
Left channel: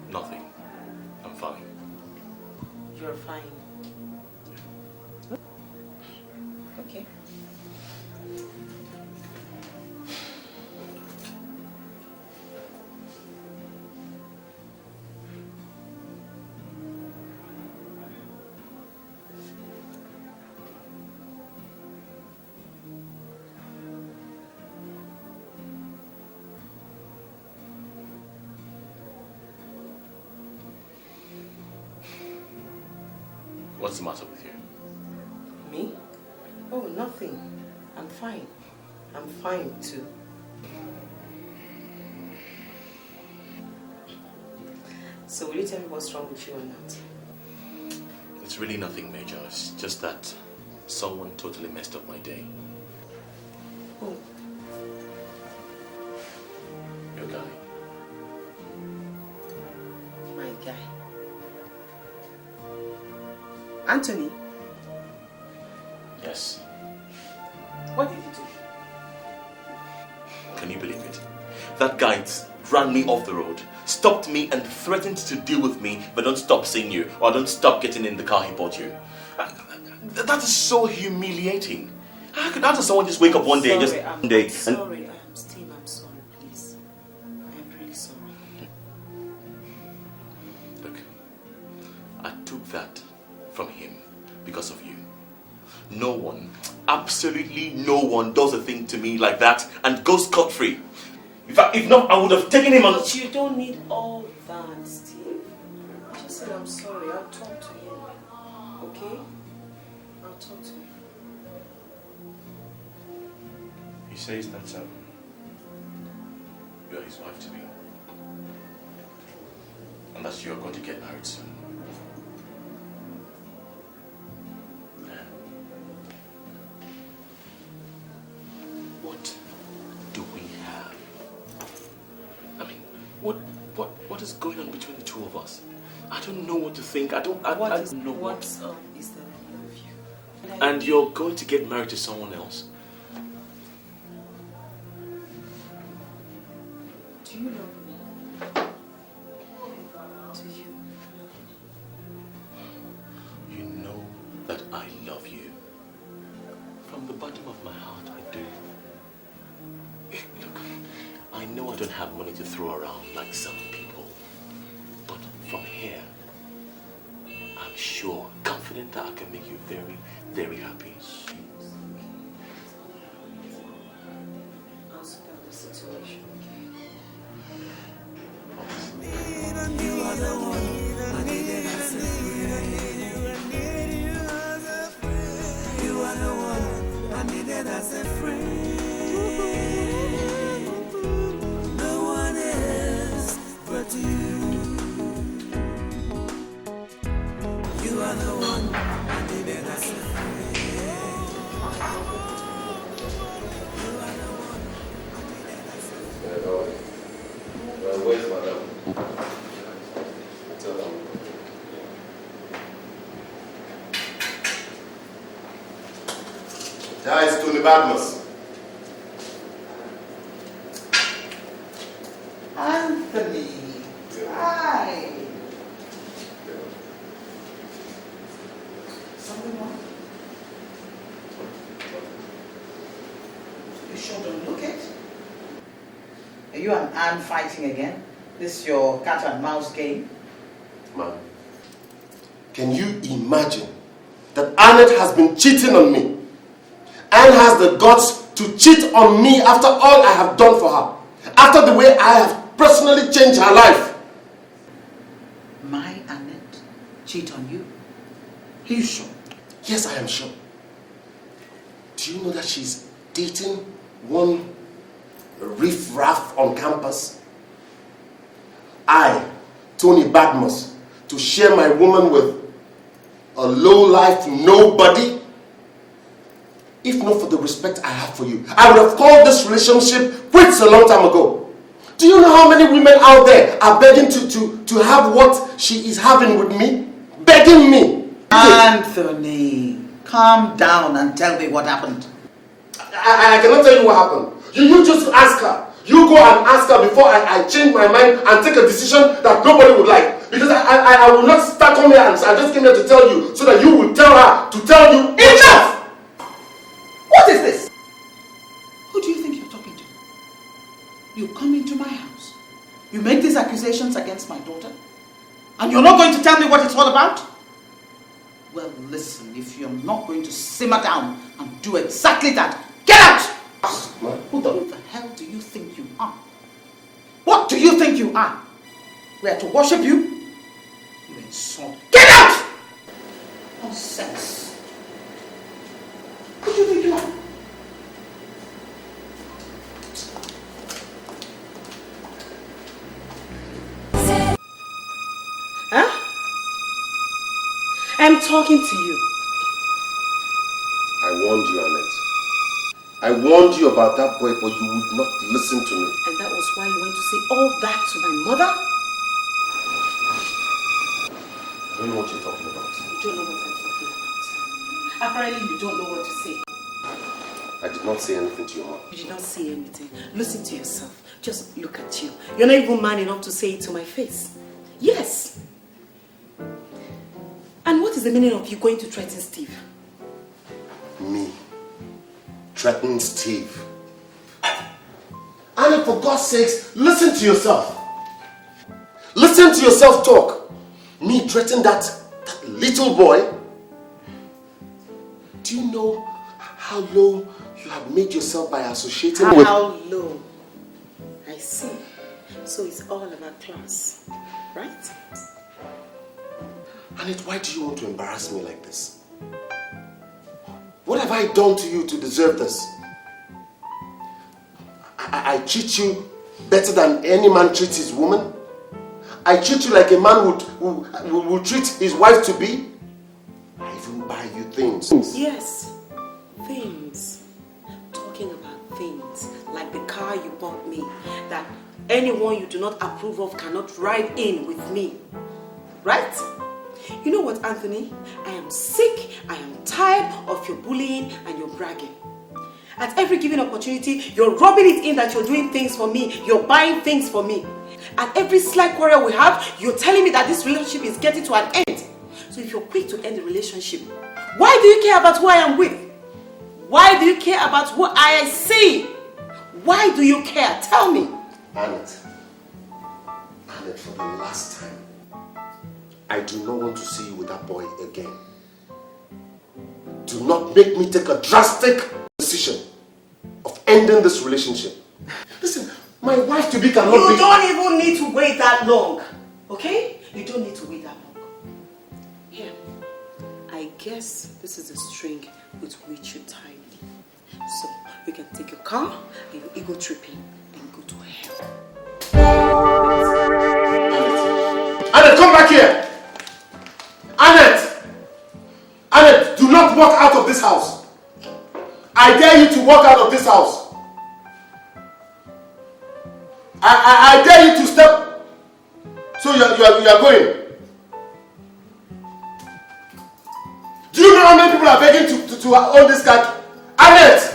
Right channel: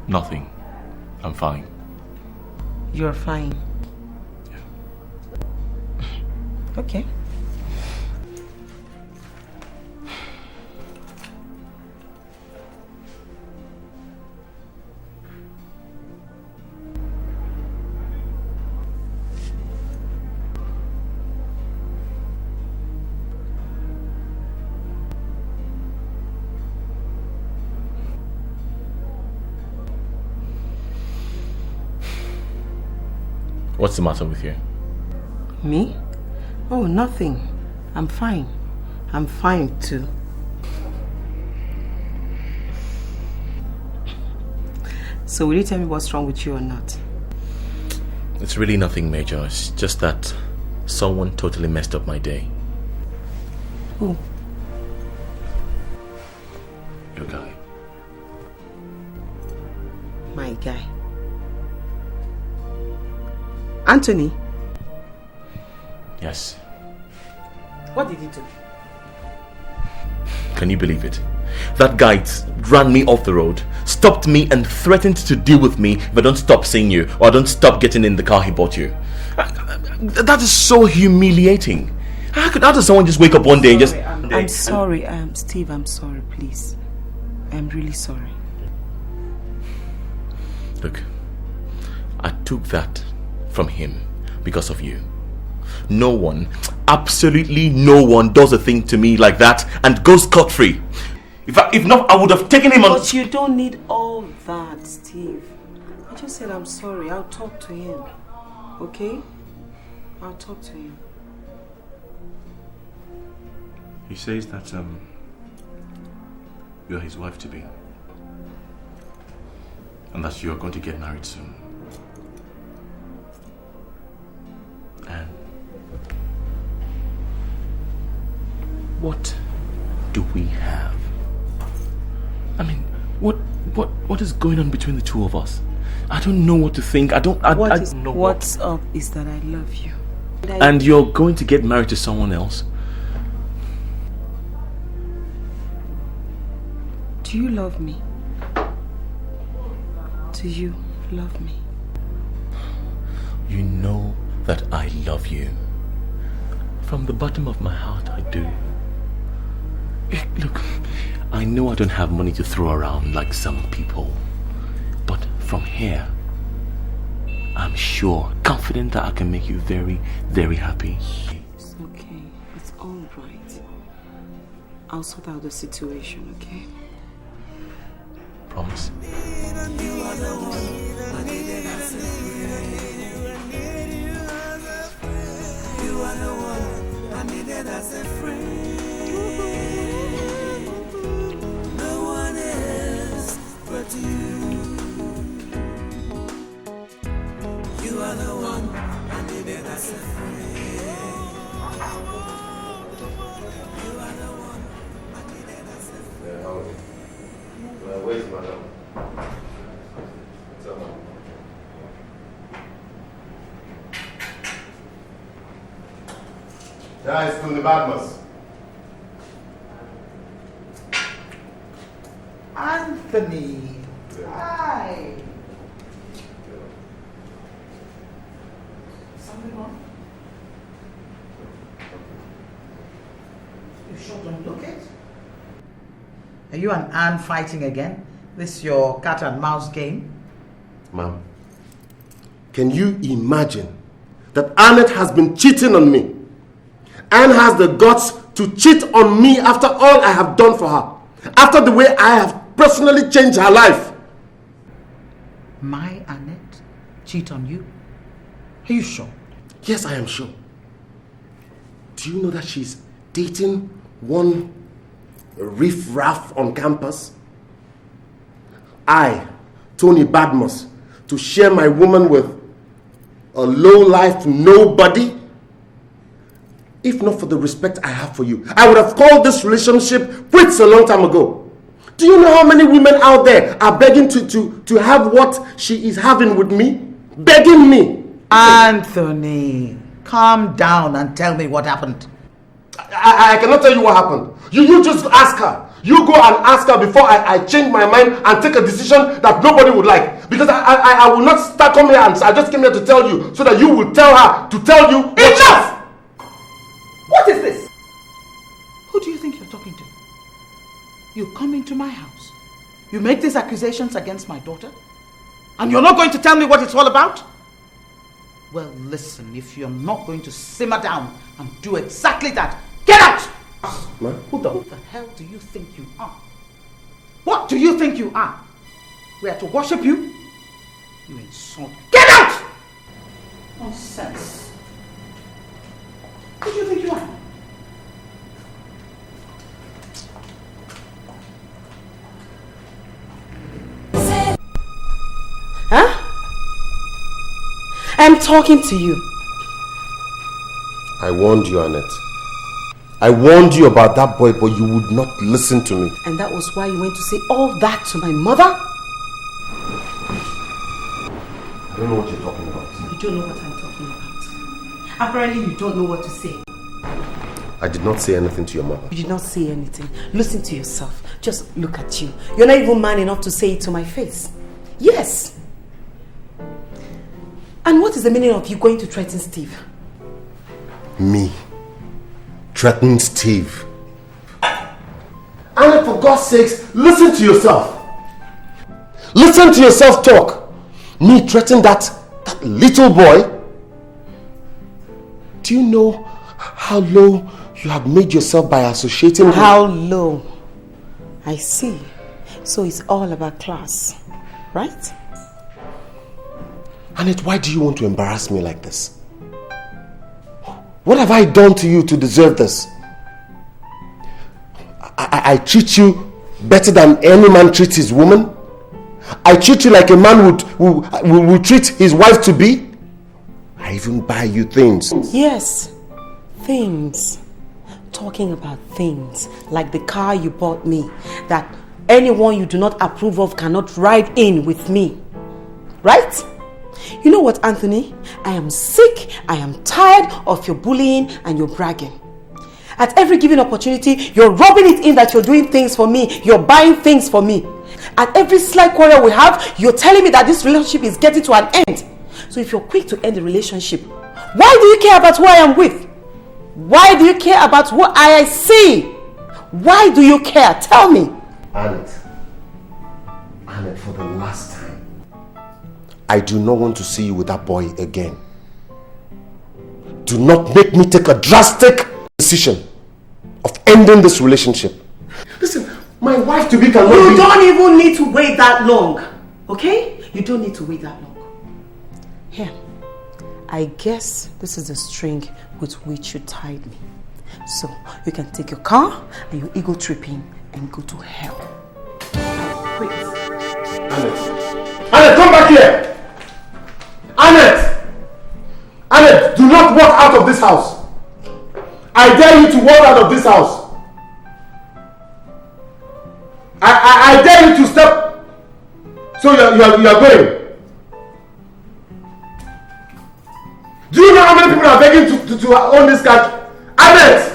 Nothing. I'm fine. You're fine. Okay. What's the matter with you? Me? Oh, nothing. I'm fine. I'm fine too. So will you tell me what's wrong with you or not? It's really nothing major. It's just that someone totally messed up my day. Who? Your guy. My guy. Anthony? Yes. What did he do? Can you believe it? That guy ran me off the road, stopped me and threatened to deal with me if I don't stop seeing you or I don't stop getting in the car he bought you. That is so humiliating. How does someone just wake up one day and just... I'm sorry, Steve, I'm sorry, please. I'm really sorry. Look, I took that from him because of you. No one, absolutely no one does a thing to me like that and goes scot-free. If not, I would have taken him on... But you don't need all that, Steve. I just said I'm sorry. I'll talk to him. Okay? I'll talk to him. He says that you're his wife-to-be. And that you're going to get married soon. And what do we have? I mean, what is going on between the two of us? I don't know what to think. I don't know what's up is that I love you. And you're going to get married to someone else? Do you love me? Do you love me? You know that I love you. From the bottom of my heart, I do. Look, I know I don't have money to throw around like some people. But from here, I'm sure, confident that I can make you very, very happy. It's okay. It's all right. I'll sort out the situation, okay? Promise? You are the one I needed as a friend. You are the one I needed as a friend. No one else but you. You are the one I needed as a friend. You are the one I needed as a friend. Where's madam? Hi, it's Tony Badmus. Anthony. Hi. Something wrong? You sure don't look it. Are you and Anne fighting again? This your cat and mouse game? Ma'am, can you imagine that Annette has been cheating on me? Anne has the guts to cheat on me after all I have done for her. After the way I have personally changed her life. My Annette cheat on you? Are you sure? Yes, I am sure. Do you know that she's dating one riff-raff on campus? I, Tony Badmus, to share my woman with a low-life nobody? If not for the respect I have for you, I would have called this relationship quits a long time ago. Do you know how many women out there are begging to have what she is having with me? Begging me. Anthony, calm down and tell me what happened. I cannot tell you what happened. You just ask her. You go and ask her before I change my mind and take a decision that nobody would like. Because I will not start coming here and I just came here to tell you so that you will tell her to tell you. Enough! What is this? Who do you think you're talking to? You come into my house. You make these accusations against my daughter. And you're not going to tell me what it's all about? Well, listen, if you're not going to simmer down and do exactly that, get out! Who the hell do you think you are? What do you think you are? We are to worship you? You insult. Get out! Nonsense. Who do you think you are? Huh? I'm talking to you. I warned you, Annette. I warned you about that boy, but you would not listen to me. And that was why you went to say all that to my mother? I don't know what you're talking about. You don't know what I'm talking about. Apparently you don't know what to say. I did not say anything to your mother. You did not say anything. Listen to yourself. Just look at you. You're not even man enough to say it to my face. Yes. And what is the meaning of you going to threaten Steve? Me? Threaten Steve? Annette, for God's sakes, listen to yourself. Listen to yourself talk. Me threaten that little boy? Do you know how low you have made yourself by associating with... How low? I see. So it's all about class, right? Annette, why do you want to embarrass me like this? What have I done to you to deserve this? I treat you better than any man treats his woman? I treat you like a man would treat his wife to be? I even buy you things. Yes, things. Talking about things like the car you bought me that anyone you do not approve of cannot ride in with me. Right? You know what, Anthony? I am sick, I am tired of your bullying and your bragging. At every given opportunity, you're rubbing it in that you're doing things for me, you're buying things for me. At every slight quarrel we have, you're telling me that this relationship is getting to an end. So if you're quick to end the relationship, why do you care about who I am with? Why do you care about what I see? Why do you care? Tell me. Annette, for the last time, I do not want to see you with that boy again. Do not make me take a drastic decision of ending this relationship. Listen, my wife to be cannot be... You don't even need to wait that long, okay? You don't need to wait that long. Here, I guess this is the string with which you tied me. So, you can take your car and your ego tripping and go to hell. Annette, come back here! Annette! Annette, do not walk out of this house. I dare you to walk out of this house. I dare you to step. So you are going. Do you know how many people are begging to own this car? Annette!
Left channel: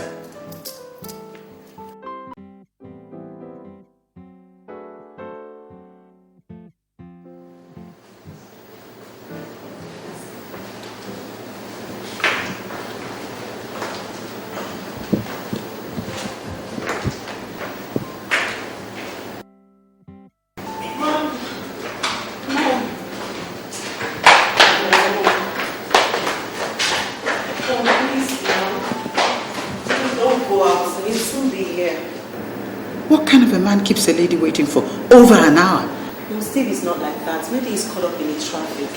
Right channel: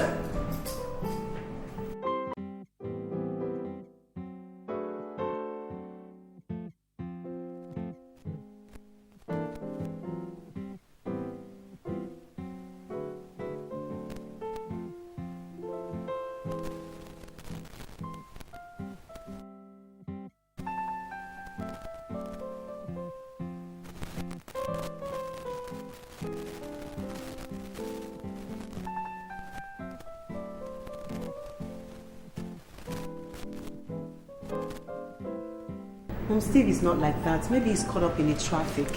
Keeps a lady waiting for over an hour. No, Steve is not like that. Maybe he's caught up in the traffic.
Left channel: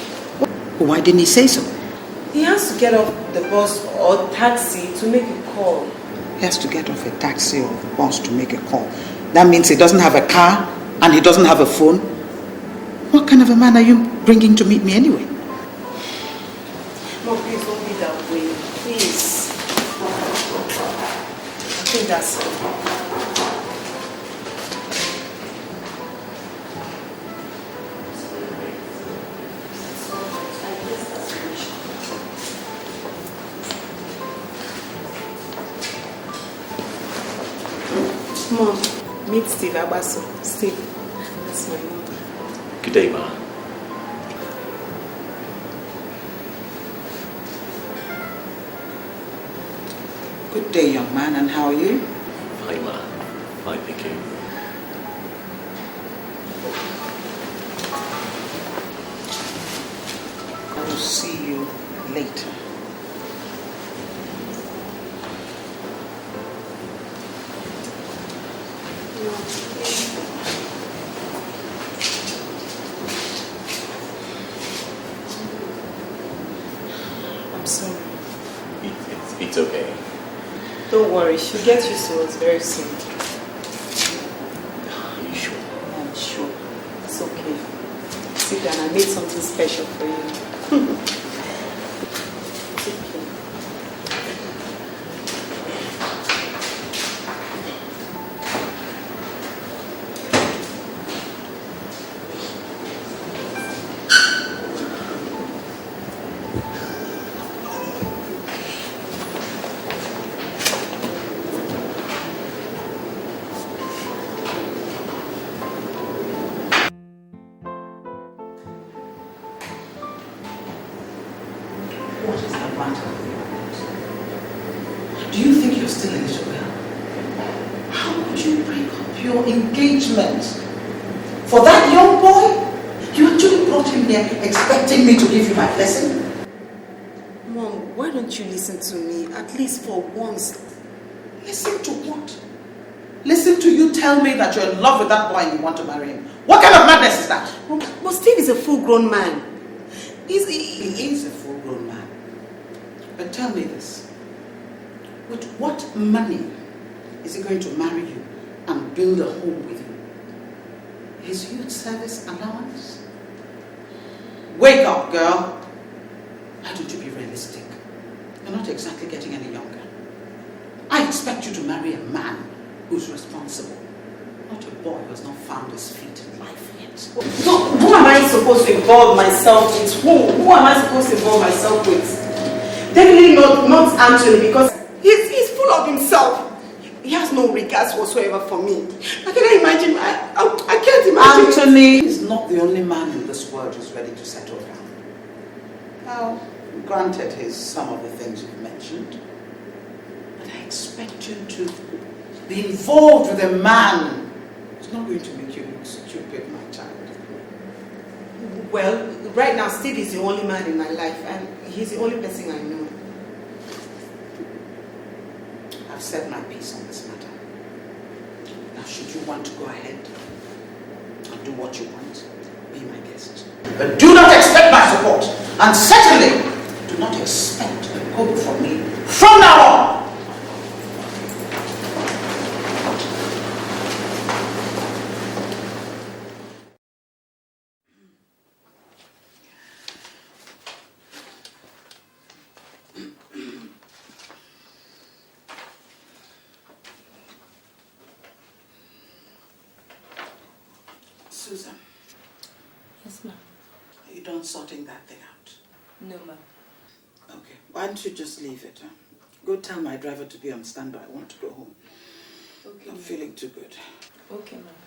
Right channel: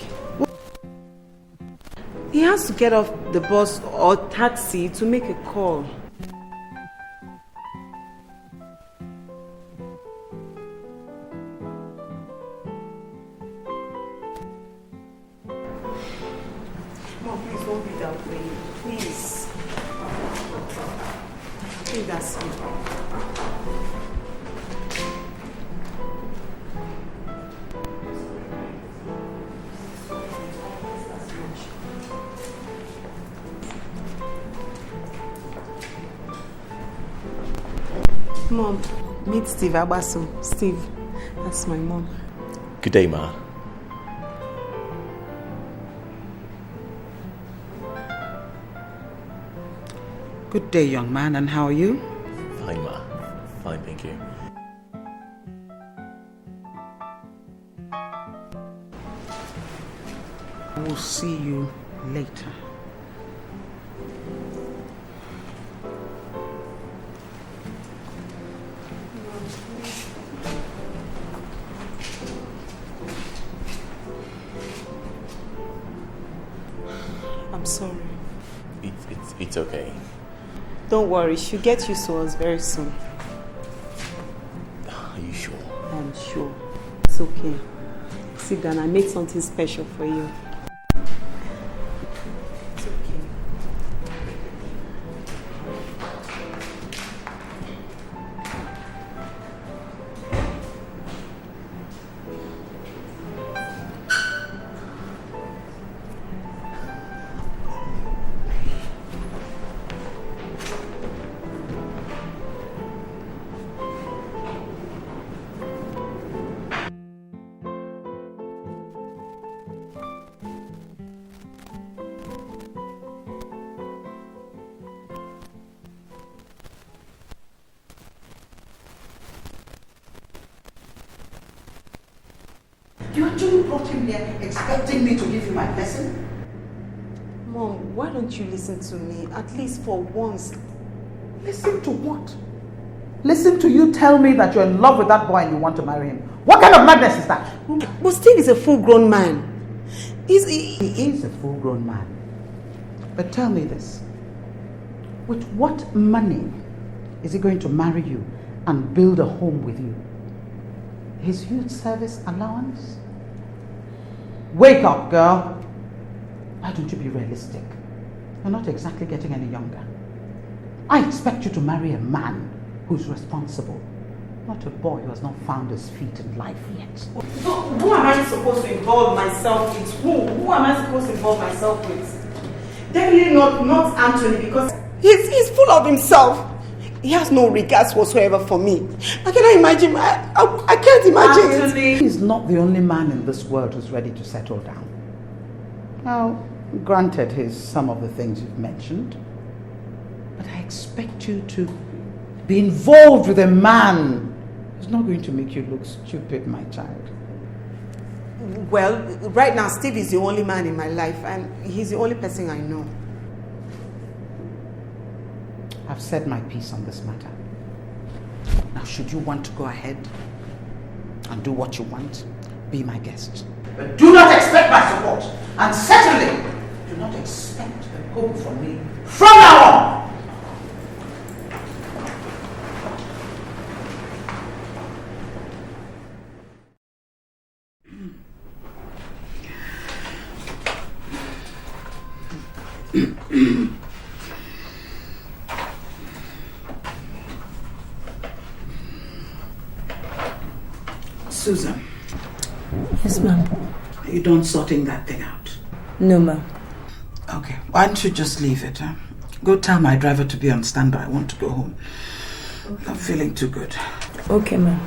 Why didn't he say so? He has to get off the bus or taxi to make a call. He has to get off a taxi or a bus to make a call. That means he doesn't have a car and he doesn't have a phone. What kind of a man are you bringing to meet me anyway? No, please don't be that way. Please. I think that's it. Mom, meet Steve Abaso. Steve, that's my mom. Good day, Ma. Good day, young man, and how are you? Fine, Ma. Fine, thank you. I will see you later. I'm sorry. It's okay. Don't worry, she'll get used to us very soon. Are you sure? I'm sure. It's okay. Sit down, I made something special for you. It's okay. At least for once. Listen to what? Listen to you tell me that you're in love with that boy and you want to marry him. What kind of madness is that? But Steve is a full-grown man. He is a full-grown man. But tell me this. With what money is he going to marry you and build a home with you? His youth service allowance? Wake up, girl. Why don't you be realistic? You're not exactly getting any younger. I expect you to marry a man who's responsible, not a boy who has not found his feet in life yet. So, who am I supposed to involve myself with? Who am I supposed to involve myself with? Definitely not Anthony, because he's full of himself. He has no regards whatsoever for me. I cannot imagine. I can't imagine. Anthony is not the only man in this world who's ready to settle down. Now, granted, he's some of the things you've mentioned, but I expect you to be involved with a man who's not going to make you look stupid, my child. Well, right now, Steve is the only man in my life, and he's the only person I know. I've said my piece on this matter. Now, should you want to go ahead and do what you want, be my guest. But do not expect my support, and certainly do not expect a quote from me from now on. Susan. Yes, ma'am. Are you done sorting that thing out? No, ma'am. Okay. Why don't you just leave it? Huh? Go tell my driver to be on standby. I want to go home. Okay. I'm feeling too good. Okay, ma'am.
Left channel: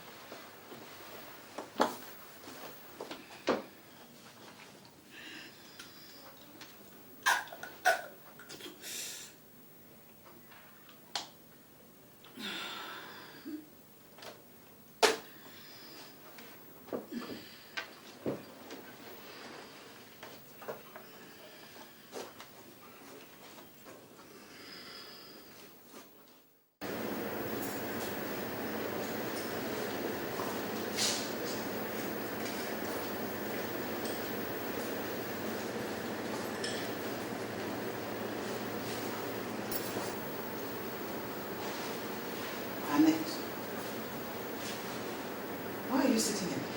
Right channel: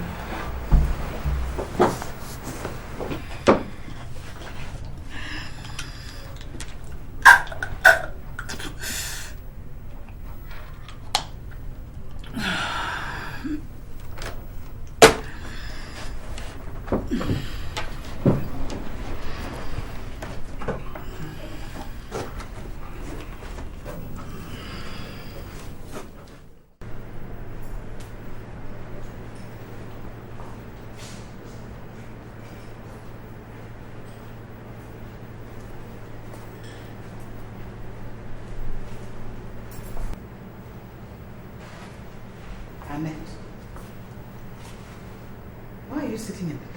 Why are you sitting in the dark?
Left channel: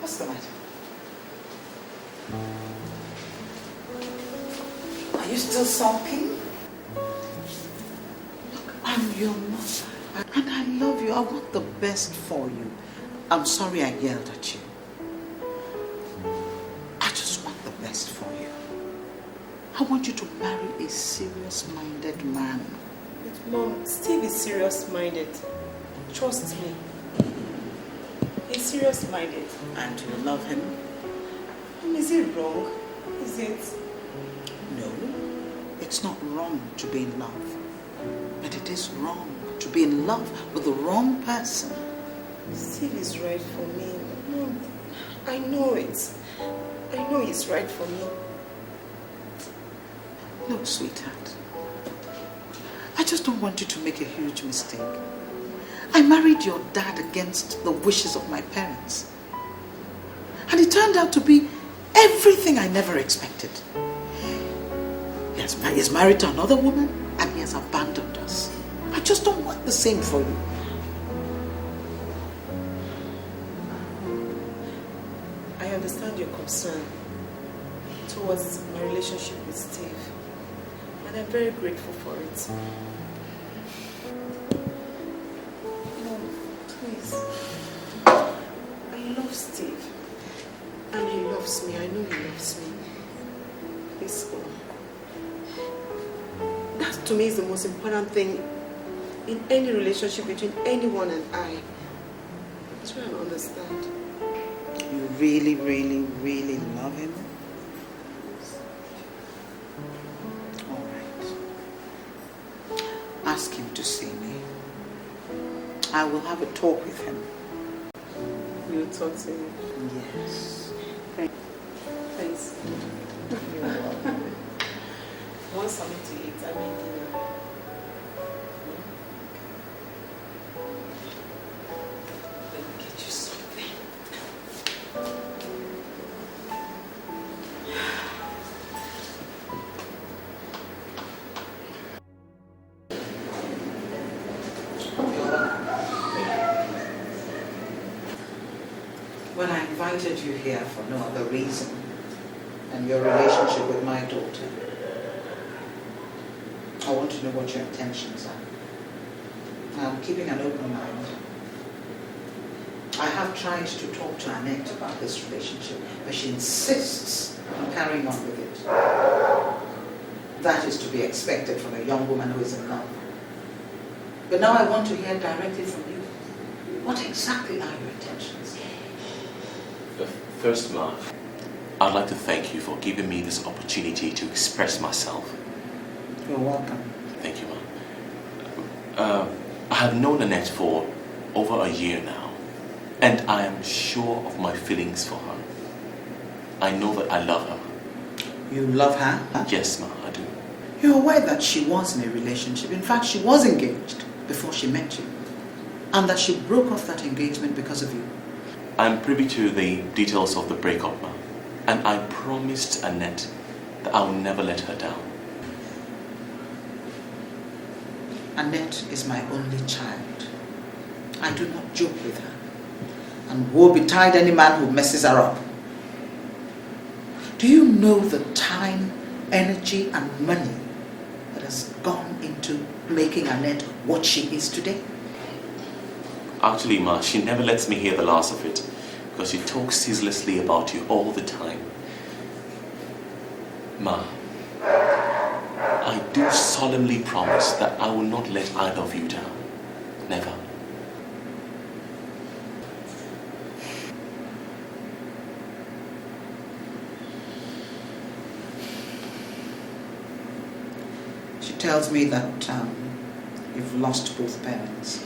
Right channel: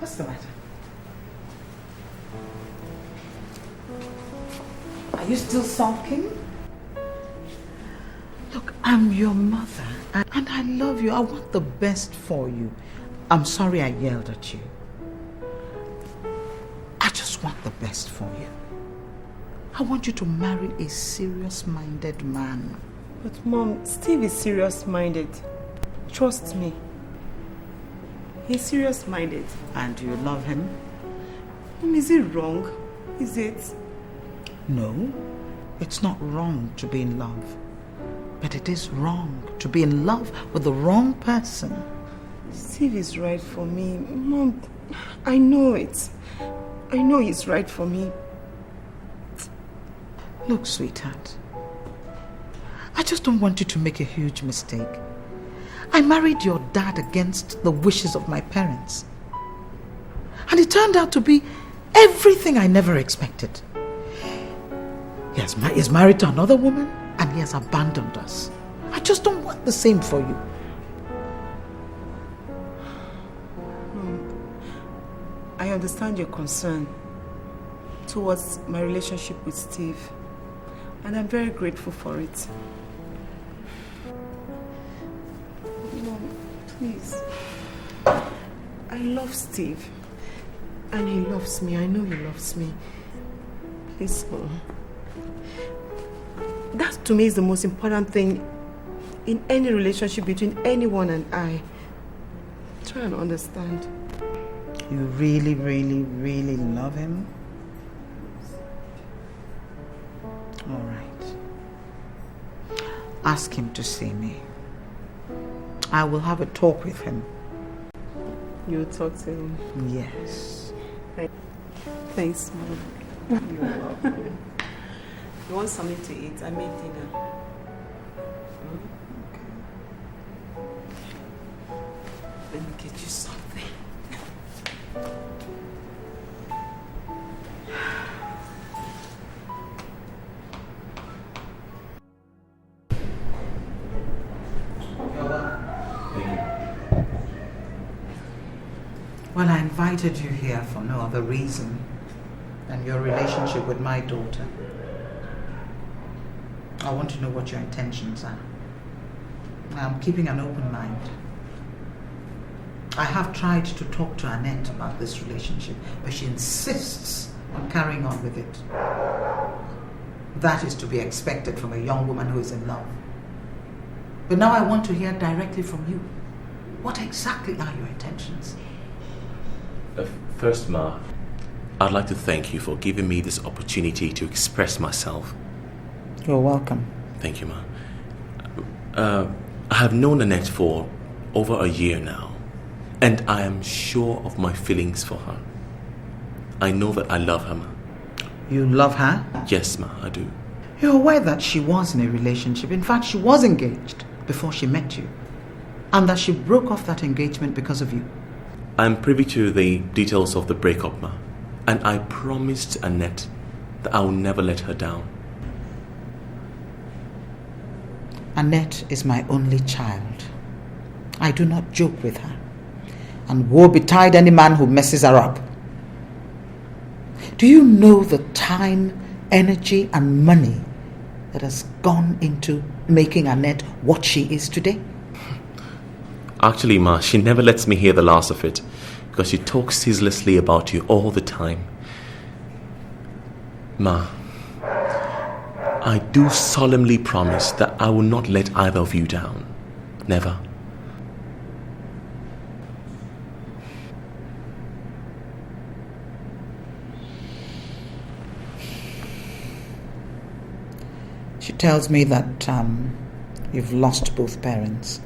What's the matter? Are you still sulking? Look, I'm your mother, and I love you. I want the best for you. I'm sorry I yelled at you. I just want the best for you. I want you to marry a serious-minded man. But Mom, Steve is serious-minded. Trust me. He's serious-minded. And you love him? Is it wrong? Is it? No, it's not wrong to be in love. But it is wrong to be in love with the wrong person. Steve is right for me. Mom, I know it. I know he's right for me. Look, sweetheart, I just don't want you to make a huge mistake. I married your dad against the wishes of my parents. And it turned out to be everything I never expected. He's married to another woman and he has abandoned us. I just don't want the same for you. I understand your concern towards my relationship with Steve. And I'm very grateful for it. Mom, please. I love Steve. And he loves me. I know he loves me. Please go. That to me is the most important thing in any relationship between anyone and I. Try and understand. You really, really, really love him? Ask him to see me. I will have a talk with him. You will talk to him? Yes. Thanks, Mom. You're welcome. You want something to eat? I made dinner. Let me get you something. Well, I invited you here for no other reason than your relationship with my daughter. I want to know what your intentions are. Now, I'm keeping an open mind. I have tried to talk to Annette about this relationship, but she insists on carrying on with it. That is to be expected from a young woman who is in love. But now I want to hear directly from you. What exactly are your intentions? First, Ma, I'd like to thank you for giving me this opportunity to express myself. You're welcome. Thank you, Ma. I have known Annette for over a year now, and I am sure of my feelings for her. I know that I love her, Ma. You love her? Yes, Ma, I do. You're aware that she was in a relationship. In fact, she was engaged before she met you. And that she broke off that engagement because of you. I'm privy to the details of the breakup, Ma. And I promised Annette that I will never let her down. Annette is my only child. I do not joke with her. And woe betide any man who messes her up. Do you know the time, energy and money that has gone into making Annette what she is today? Actually, Ma, she never lets me hear the last of it because she talks ceaselessly about you all the time. Ma, I do solemnly promise that I will not let either of you down. Never. She tells me that you've lost both parents.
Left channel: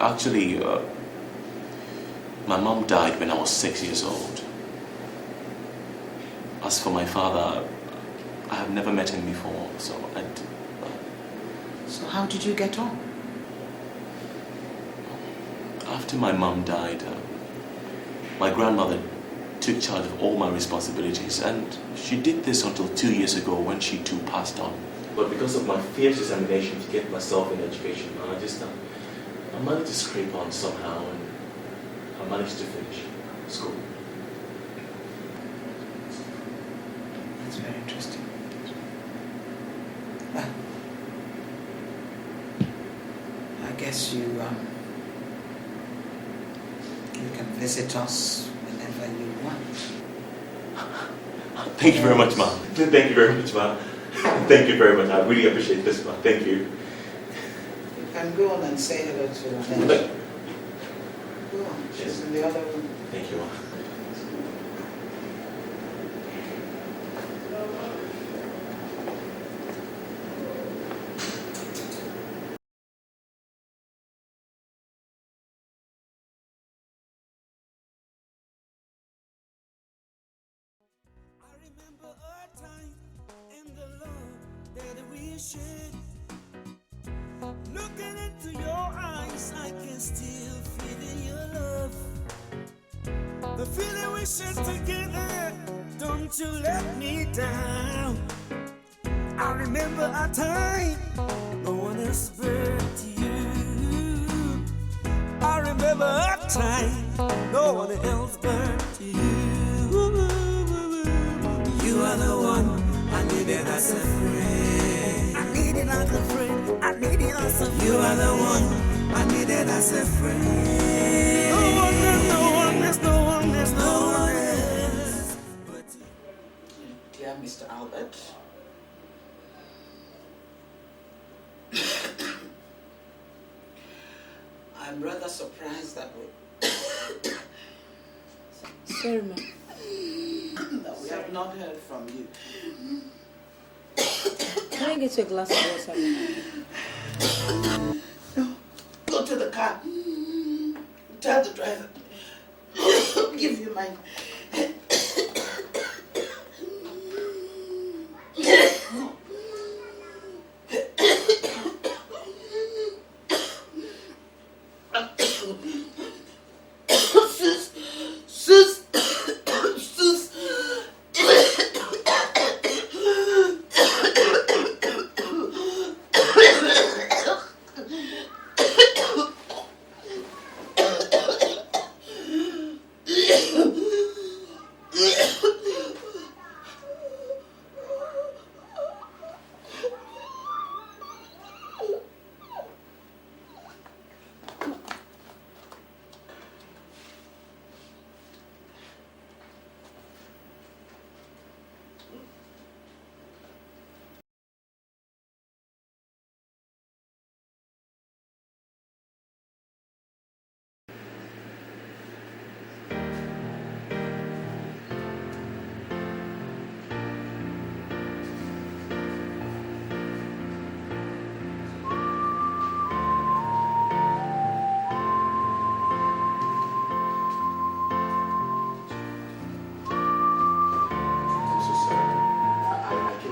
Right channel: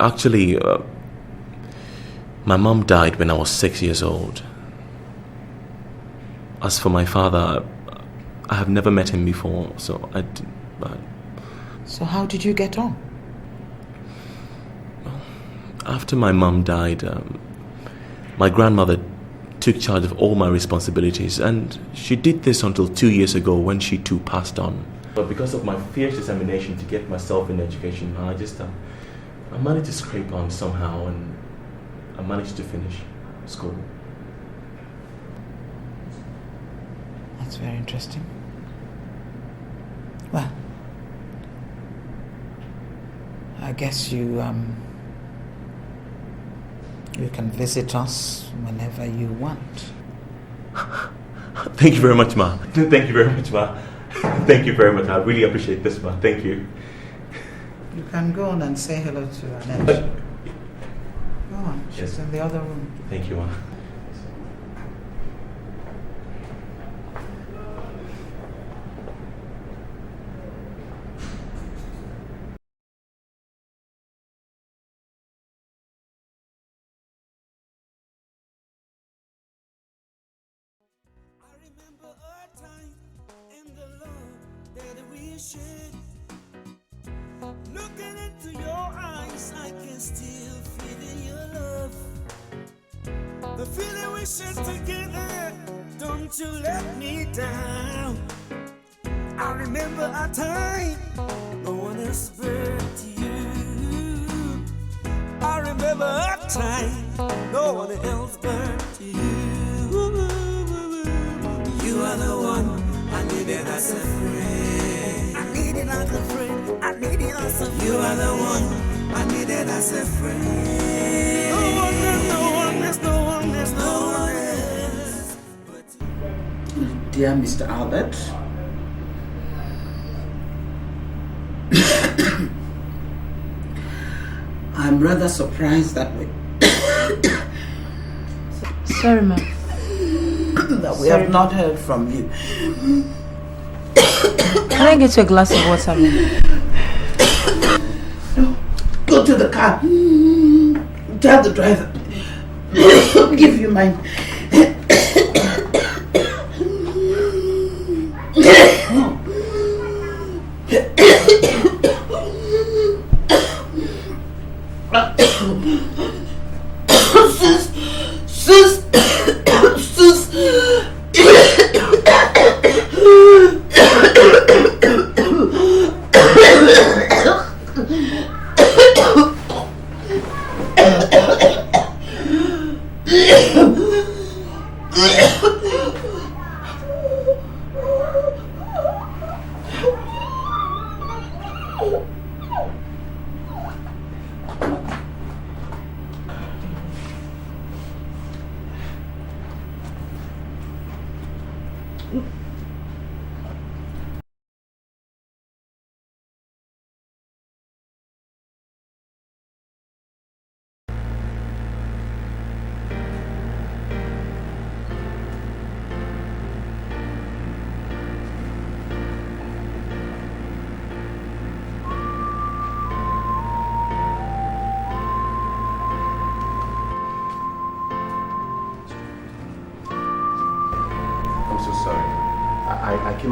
Actually, my mom died when I was 6 years old. As for my father, I have never met him before, so So how did you get on? After my mom died, my grandmother took charge of all my responsibilities, and she did this until 2 years ago when she too passed on. But because of my fierce determination to get myself in education, I managed to scrape on somehow, and I managed to finish school. That's very interesting. Well, I guess you can visit us whenever you want. Thank you very much, Ma. Thank you very much, Ma. Thank you very much. I really appreciate this, Ma. Thank you. You can go on and say hello to Annette. Go on, she's in the other room. Thank you, Ma. Looking into your eyes, I can still feel in your love. The feeling we share together, don't you let me down. I remember a time no one else but you. I remember a time no one else but you. You are the one I needed as a friend. I needed like a friend. I needed as a friend. You are the one I needed as a friend. No one, there's no one, there's no one, there's no one else. Dear Mr. Albert, I'm rather surprised that Sorry, ma'am. we have not heard from you. Can I get you a glass of water, ma'am? No. Go to the car. Tell the driver. Give you mine.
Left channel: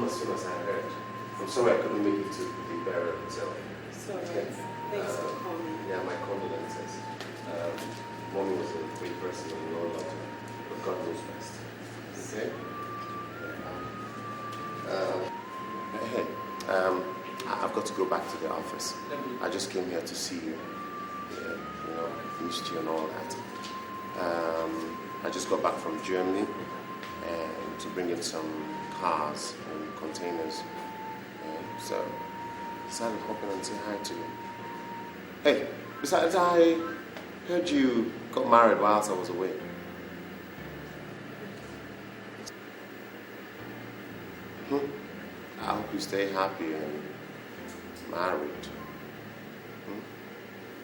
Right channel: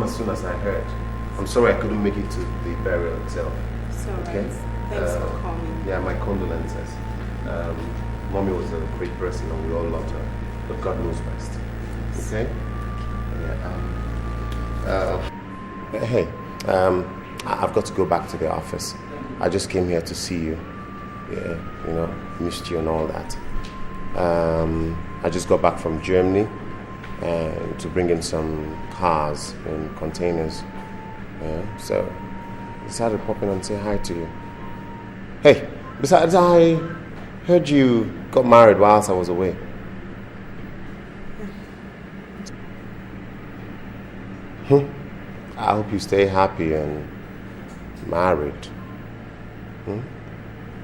As soon as I heard. I'm sorry I couldn't make it to the burial itself. It's alright. Thanks for coming. Yeah, my condolences. Mommy was a great person and we all loved her. But God knows best. Okay? Yeah, hey, I've got to go back to the office. I just came here to see you. Yeah, you know, missed you and all that. I just got back from Germany to bring in some cars and containers. So I decided to pop in and say hi to you. Hey, besides, I heard you got married whilst I was away. I hope you stay happy and married.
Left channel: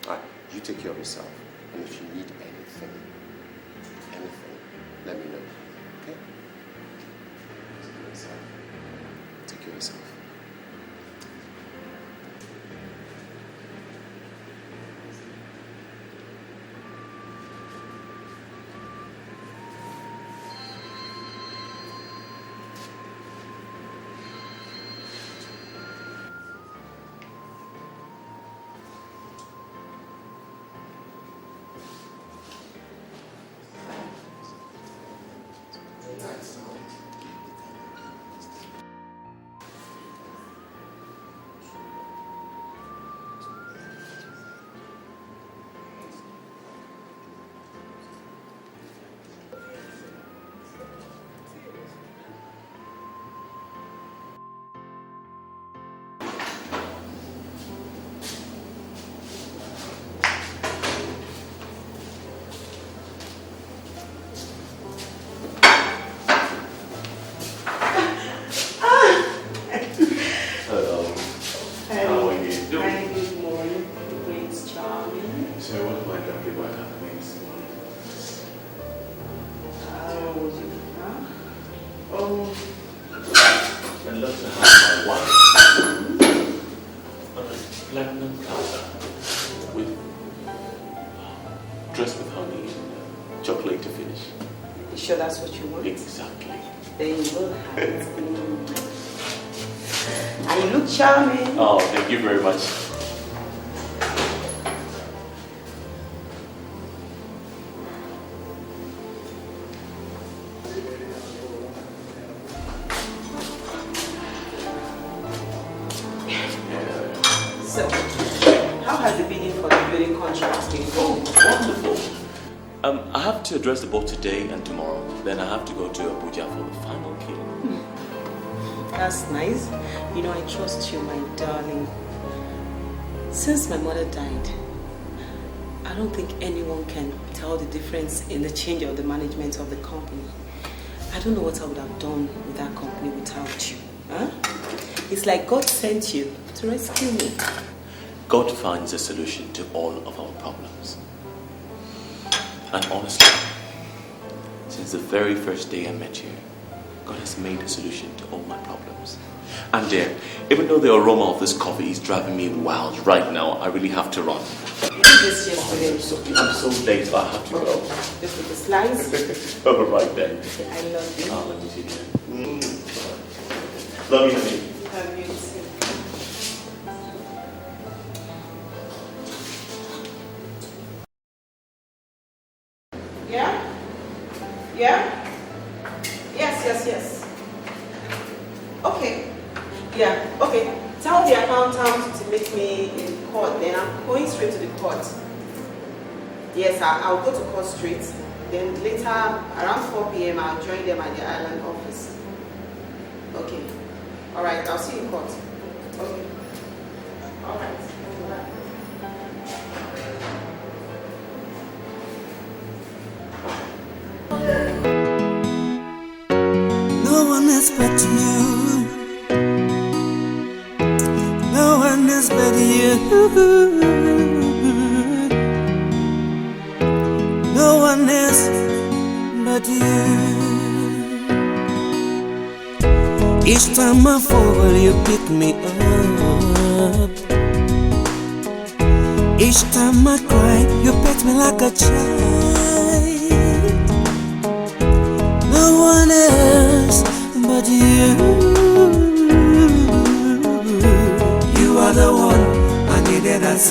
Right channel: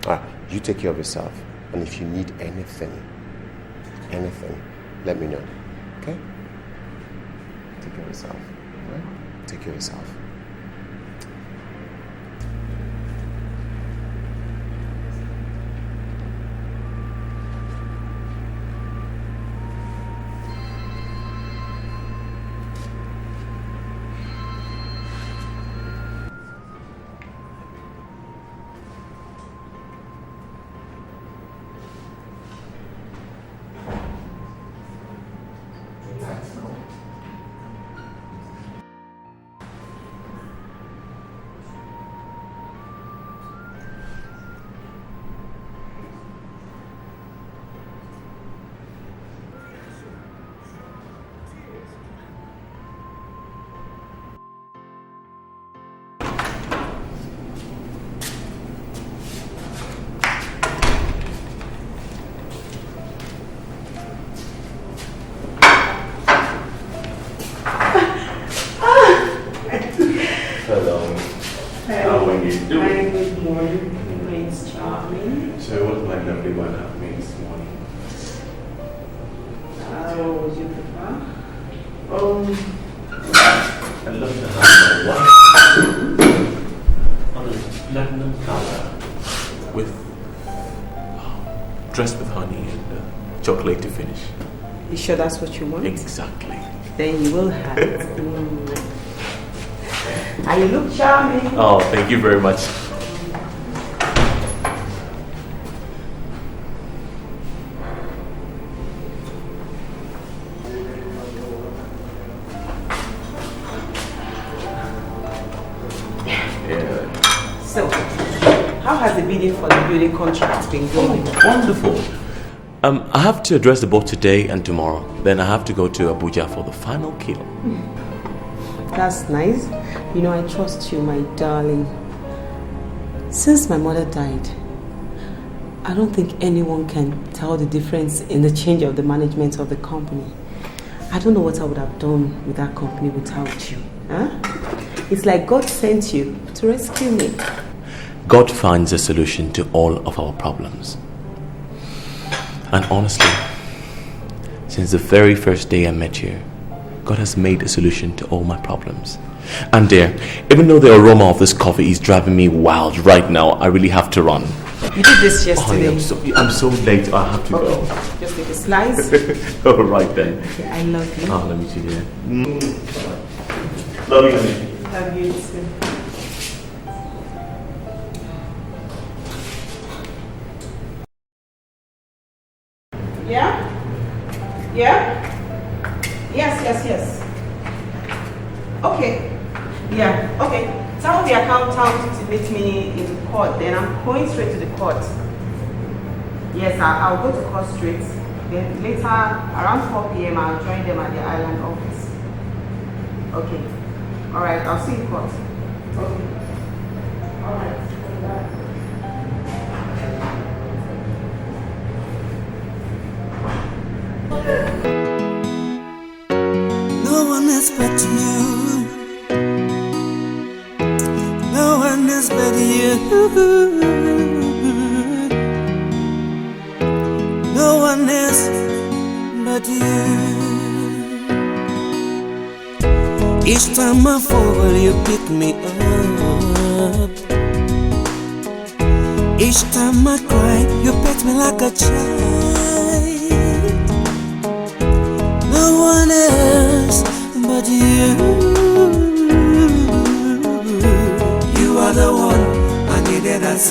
Alright, you take care of yourself. And if you need anything, let me know. Okay? Take care of yourself. Take care of yourself. Sure that's what you want? Exactly. Then you will have it. And you look charming. Oh, thank you very much. Yeah. So, how has the bidding for the building contract been going? Oh, wonderful. I have to address the board today and tomorrow. Then I have to go to Abuja for the final kill. That's nice. You know, I trust you, my darling. Since my mother died, I don't think anyone can tell the difference in the change of the management of the company. I don't know what I would have done with that company without you. Huh? It's like God sent you to rescue me. God finds a solution to all of our problems. And honestly, since the very first day I met you, God has made a solution to all my problems. And dear, even though the aroma of this coffee is driving me wild right now, I really have to run. You did this yesterday. Oh, I'm so late, I have to go. Just take a slice. All right then. Okay, I love you. Oh, let me see here. Love you, honey. Love you too. Yeah? Yeah? Yes. Okay. Yeah, okay. Tell the accountant to meet me in court, then I'm going straight to the court. Yes, I'll go to court straight. Then later, around 4 p.m., I'll join them at the island office. Okay. Alright, I'll see you in court. Okay. Alright. Bye. No one has but you. No one else but you. No one else but you. Each time I fall, you pick me up. Each time I cry, you pet me like a child. No one else but you.